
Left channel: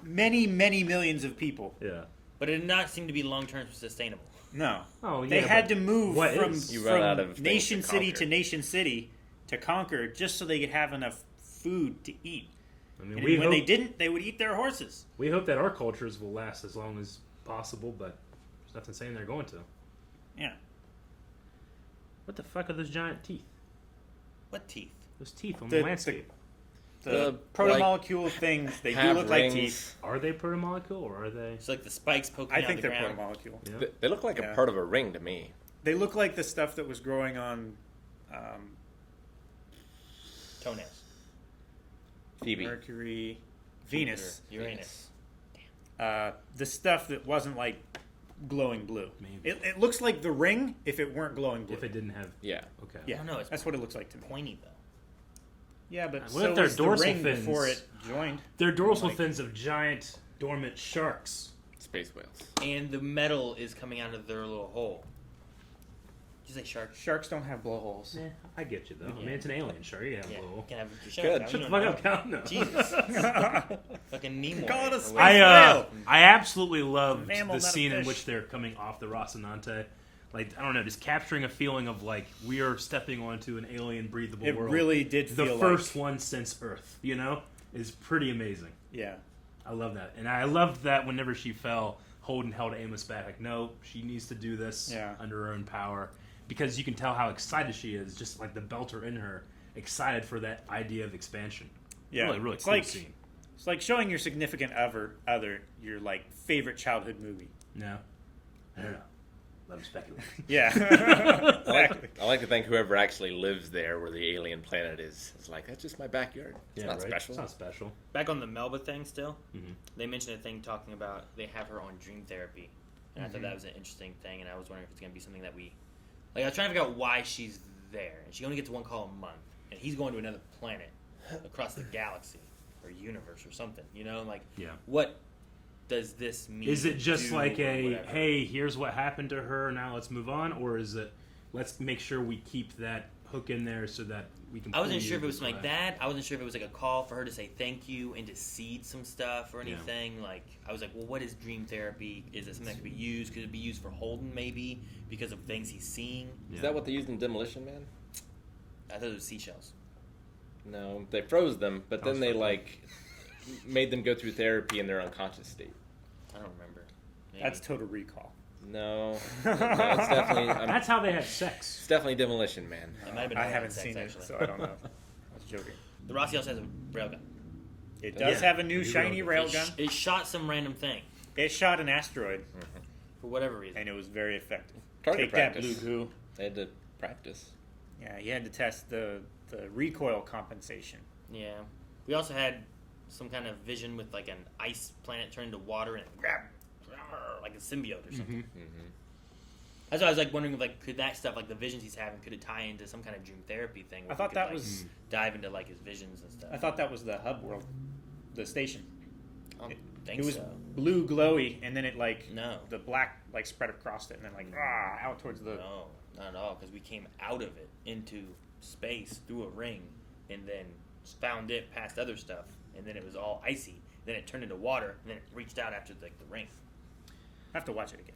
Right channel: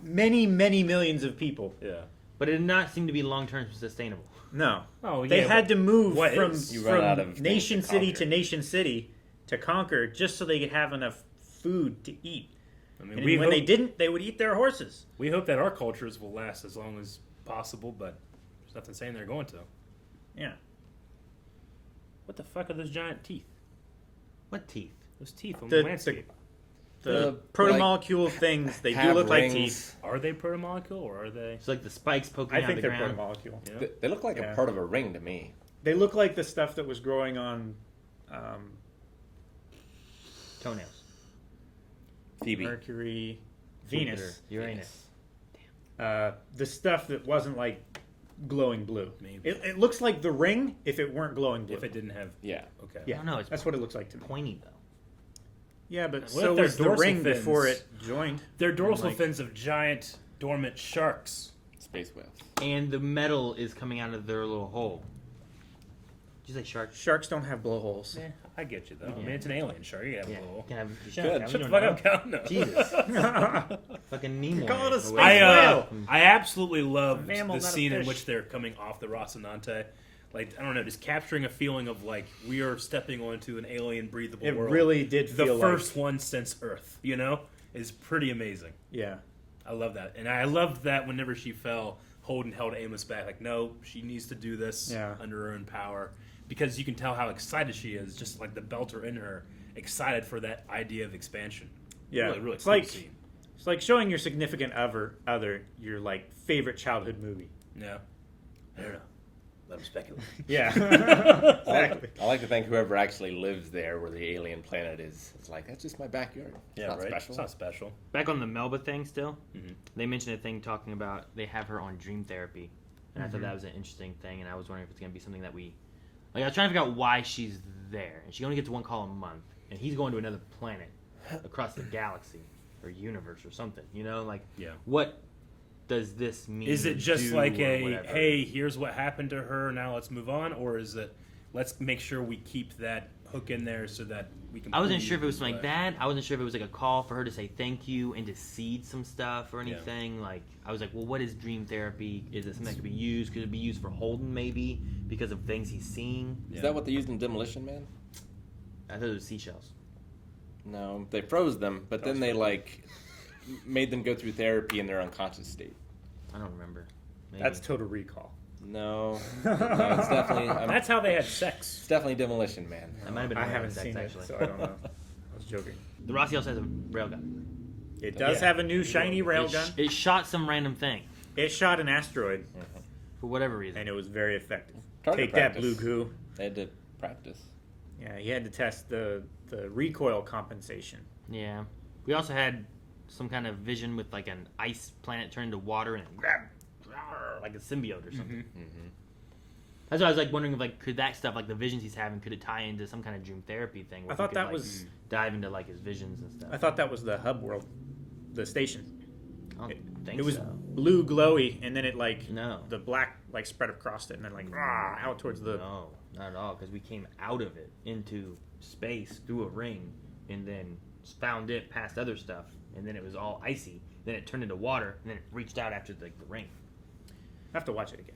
many, many millions of people. Yeah. But it did not seem to be long-term sustainable. No. Oh, They yeah, had but to move what from, is? You run out of from things nation to city conquer. to nation city to conquer just so they could have enough food to eat. I mean, And we when hope, they didn't, they would eat their horses. we hope that our cultures will last as long as possible, but there's nothing saying they're going to. Yeah. What the fuck are those giant teeth? What teeth? Those teeth on The- the landscape. The protomolecule things, they do have look like rings. teeth. Are they protomolecule or are they? It's like the spikes poking I out think the they're ground. protomolecule. Yeah. They look like Yeah. a part of a ring to me. They look like the stuff that was growing on Toenails. Phoebe. Mercury, Venus. Uranus. The stuff that wasn't like glowing blue. Maybe. It looks like the ring if it weren't glowing blue. If it didn't have. Yeah. Okay. Yeah, I don't know, it's that's what it looks like to me. Pointy though. Yeah, but What so if they're was the dorsal ring fins? before it joined. They're dorsal Like- fins of giant dormant sharks. Space whales. And the metal is coming out of their little hole. Did you say shark? Sharks don't have blowholes. Eh, I get you though. I mean, it's an alien shark. You have a little. Can I have Good. shark? Shut the fuck up, Cal. No. Jesus. Fucking Nemo. Call it a or space whatever. I absolutely loved Mammal, the not a scene in fish. which they're coming off the Rocinante. Like, I don't know, just capturing a feeling of like we are stepping onto an alien breathable It world. really did The feel first like- one since Earth, is pretty amazing. Yeah. I love that. And I loved that whenever she fell, Holden held Amos back. Like, no, she needs to do this under her own power. Because you can tell how excited she is, just like the Belter in her, excited for that idea of expansion. Yeah. Really, really it's cool like scene. it's like showing your significant other your like favorite childhood movie. Yeah. I don't know. Let him speculate. Yeah. Exactly. I like to think whoever actually lives there where the alien planet is, it's like, that's just my backyard. It's not special. It's not special. Back on the Melba thing still, they mentioned a thing talking about they have her on dream therapy. And I thought that was an interesting thing, and I was wondering if it's going to be something that we... Like, I was trying to figure out why she's there. And she only gets one call a month. And he's going to another planet across the galaxy or universe or something. What does this mean? Is it just do like or a, whatever? hey, here's what happened to her, now let's move on? Or is it, let's make sure we keep that hook in there so that we can... I wasn't sure if it was like that. I wasn't sure if it was like a call for her to say thank you and to seed some stuff or anything. Like, I was like, well, what is dream therapy? Is it something that could be used? Could it be used for Holden maybe because of things he's seeing? Is that what they used in Demolition Man? I thought it was seashells. No, they froze them, but then they made them go through therapy in their unconscious state. I don't remember. Maybe. That's Total Recall. No, it's definitely. That's how they had sex. It's definitely demolition, man. It might have been I how they haven't had sex, seen it, actually. so I don't know. I was joking. The Rossi also has a railgun. It does have a new shiny railgun. It shot some random thing. It shot an asteroid. For whatever reason. And it was very effective. Target Take practice. that, Blue Goo. They had to practice. Yeah, he had to test the recoil compensation. Yeah. We also had some kind of vision with like an ice planet turned into water and grab like a symbiote or something. That's why I was like wondering if like could that stuff like the visions he's having could it tie into some kind of dream therapy thing? Where I thought he could, that like, was dive into like his visions and stuff. I thought that was the hub world, the station. I don't think It was so. blue glowy, and then it like No. the black like spread across it, and then like out towards the. No, not at all. Because we came out of it into space through a ring, and then found it past other stuff, and then it was all icy. Then it turned into water, and then it reached out after like the ring. I have to watch it again.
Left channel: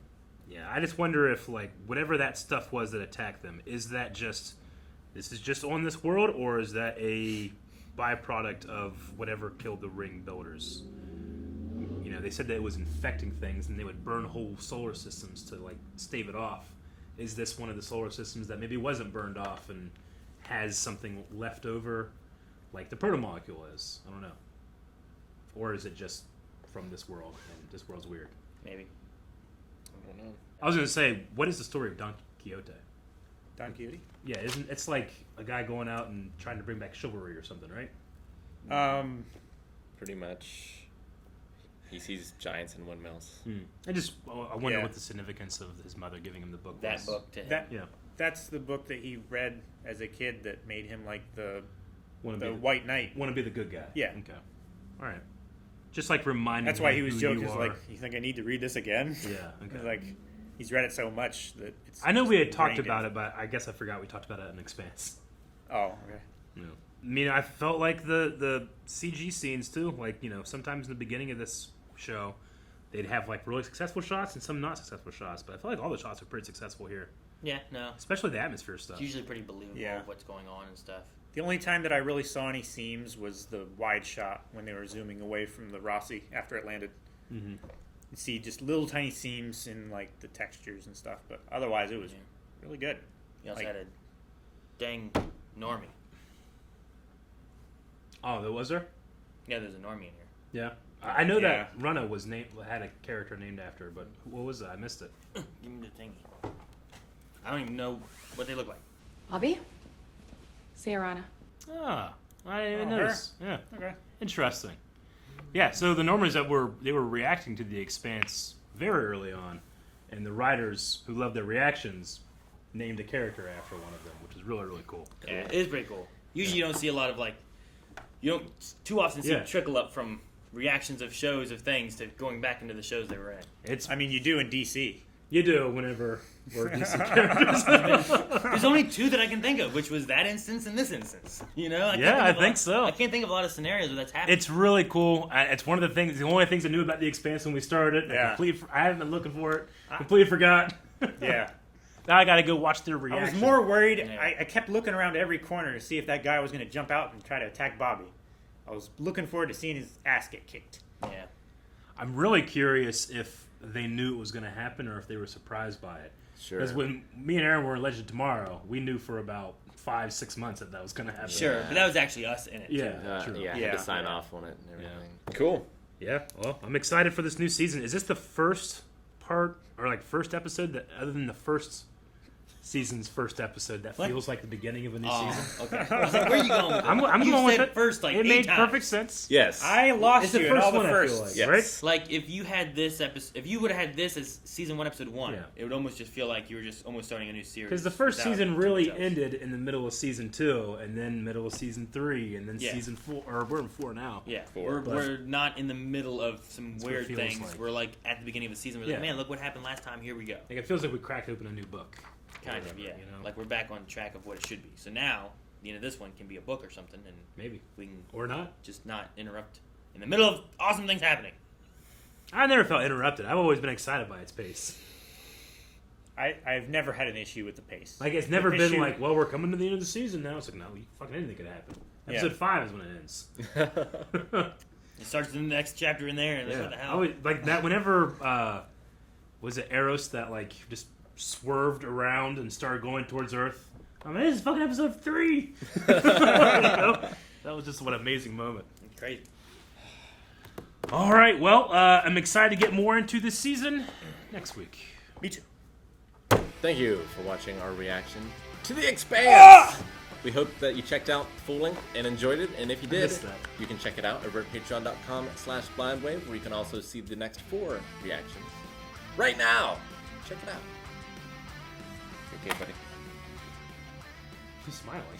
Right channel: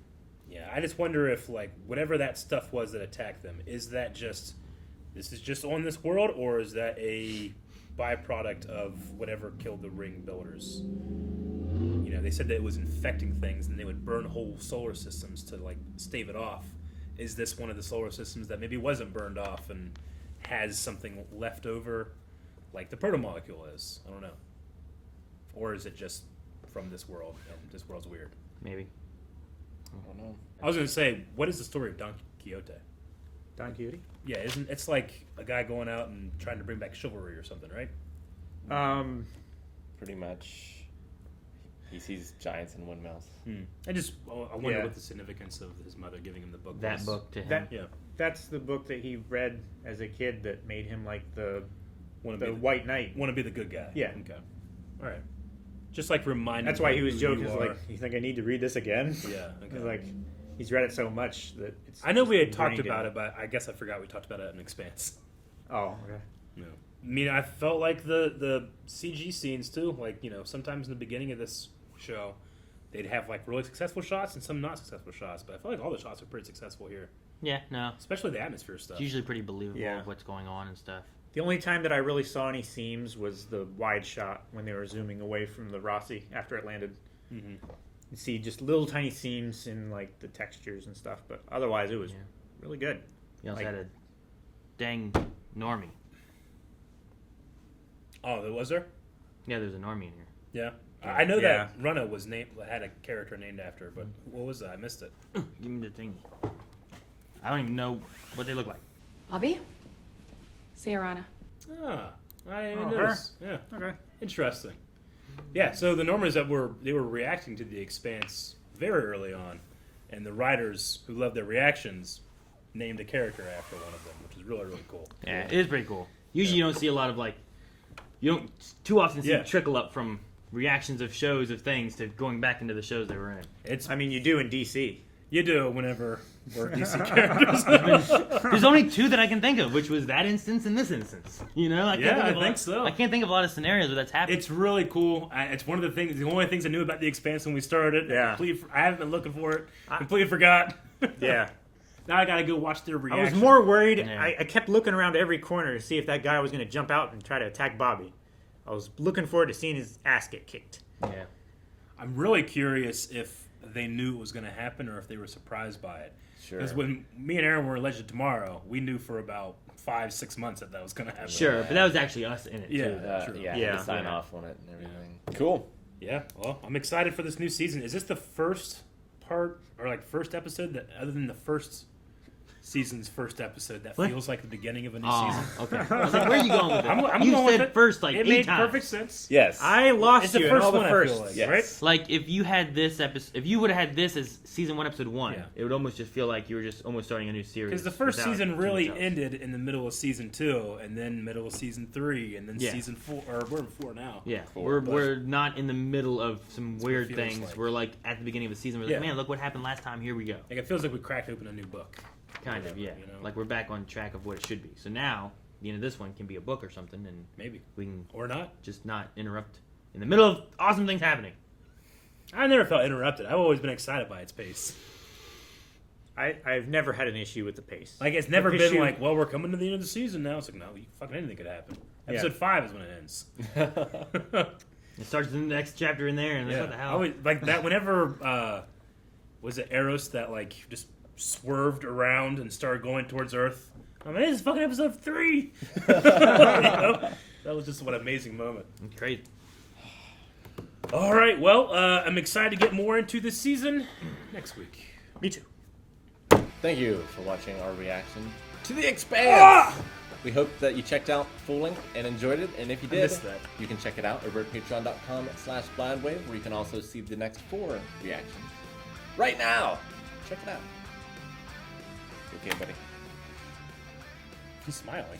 Yeah, I just wonder if like whatever that stuff was that attacked them, is that just this is just on this world, or is that a byproduct of whatever killed the ring builders? You know, they said that it was infecting things, and they would burn whole solar systems to like stave it off. Is this one of the solar systems that maybe wasn't burned off and has something left over, like the protomolecule is? I don't know. Or is it just from this world? This world's weird. Maybe. I don't know. I was going to say, what is the story of Don Quixote? Don Quixote? Yeah, isn't it's like a guy going out and trying to bring back chivalry or something, right? Pretty much. He sees giants and windmills. I wonder what the significance of his mother giving him the book That was. book to him. That's the book that he read as a kid that made him like the Wanna be White Knight. Want to be the good guy. Yeah. Okay. All right. Just like reminding. That's why him he was who joking. you He's are. like, you think I need to read this again? Yeah. Okay. He's like, he's read it so much that it's. I know we had talked ingrained about in it, but I guess I forgot we talked about it in Expanse. Oh, okay. No. I mean, I felt like the CG scenes too. Like, you know, sometimes in the beginning of this show, they'd have like really successful shots and some not successful shots. But I feel like all the shots are pretty successful here. Yeah, no. Especially the atmosphere stuff. It's usually pretty believable Yeah. what's going on and stuff. The only time that I really saw any seams was the wide shot when they were zooming away from the Rossi after it landed. Mm-hmm. You see just little tiny seams in like the textures and stuff, but otherwise it was really good. You also Like- had a dang normie. Oh, there was there? Yeah, there's a normie in here. Yeah. I know Yeah. that Runna was had a character named after her, but what was that? I missed it. Give me the thingy. I don't even know what they look like. Bobbie? Sayarana. Ah, I didn't even Oh, her? notice. Yeah. Okay. Interesting. Yeah, so the Normans that were reacting to the Expanse very early on, and the writers who loved their reactions named a character after one of them, which is really, really cool. Yeah, it is pretty cool. Usually you don't see a lot of like, you don't too often see it trickle up from reactions of shows of things to going back into the shows they were in. I mean, you do in DC. You do whenever we're DC characters. There's only two that I can think of, which was that instance and this instance. You know? I think so. I can't think of a lot of scenarios where that's happening. It's really cool. It's one of the things, the only things I knew about the Expanse when we started. Yeah. I haven't been looking for it. Completely forgot. Yeah. Now I got to go watch their I reaction. was more worried. Yeah. I kept looking around every corner to see if that guy was going to jump out and try to attack Bobbie. I was looking forward to seeing his ass get kicked. Yeah. I'm really curious if they knew it was going to happen or if they were surprised by it. Sure. Because when me and Aaron were in Legend Tomorrow, we knew for about 5-6 months that was going to happen. Sure, but that was actually us in it Yeah, too. true. I had to sign off on it and everything. Cool. Yeah, well, I'm excited for this new season. Is this the first part, or like first episode, that other than the first season's first episode, that What? feels like the beginning of a new Oh, season? okay. I was like, where are you going with it? I'm You going said with it. first, like, it 8 made times. perfect sense. Yes. I lost It's the you in first all the one, I feel firsts. like, Yes. right? Like if you had this episode, if you would have had this as season 1, episode 1, Yeah. it would almost just feel like you were just almost starting a new series. Because the first without season too really much else. ended in the middle of season 2, and then middle of season 3, and then Yeah. season 4. Or we're in 4 now. Yeah, Four, but- we're not in the middle of some That's what it weird feels things. like. We're like at the beginning of the season. We're Yeah. like, man, look what happened last time. Here we go. Like it feels like we cracked open a new book. Kind of, yeah. You know? Like we're back on track of what it should be. So now, the end of this one can be a book or something, and Maybe. we can Or not. just not interrupt in the middle of awesome things happening. I never felt interrupted. I've always been excited by its pace. I've never had an issue with the pace. Like it's never The been issue- like, well, we're coming to the end of the season now. It's like, no, fucking anything could happen. Episode 5 is when it ends. It starts in the next chapter in there, and Yeah. what the I hell? always, like that. Whenever was it Eros that like just swerved around and started going towards Earth? I mean, this is fucking episode 3. You know? That was just one amazing moment. Great. All right, well, I'm excited to get more into this season next week. Me too. Thank you for watching our reaction to The Expanse. We hope that you checked out full length and enjoyed it. And if you did, you can check it out over at patreon.com/blindwave, where you can also see the next 4 reactions right now. Check it out. Okay, buddy. He's smiling.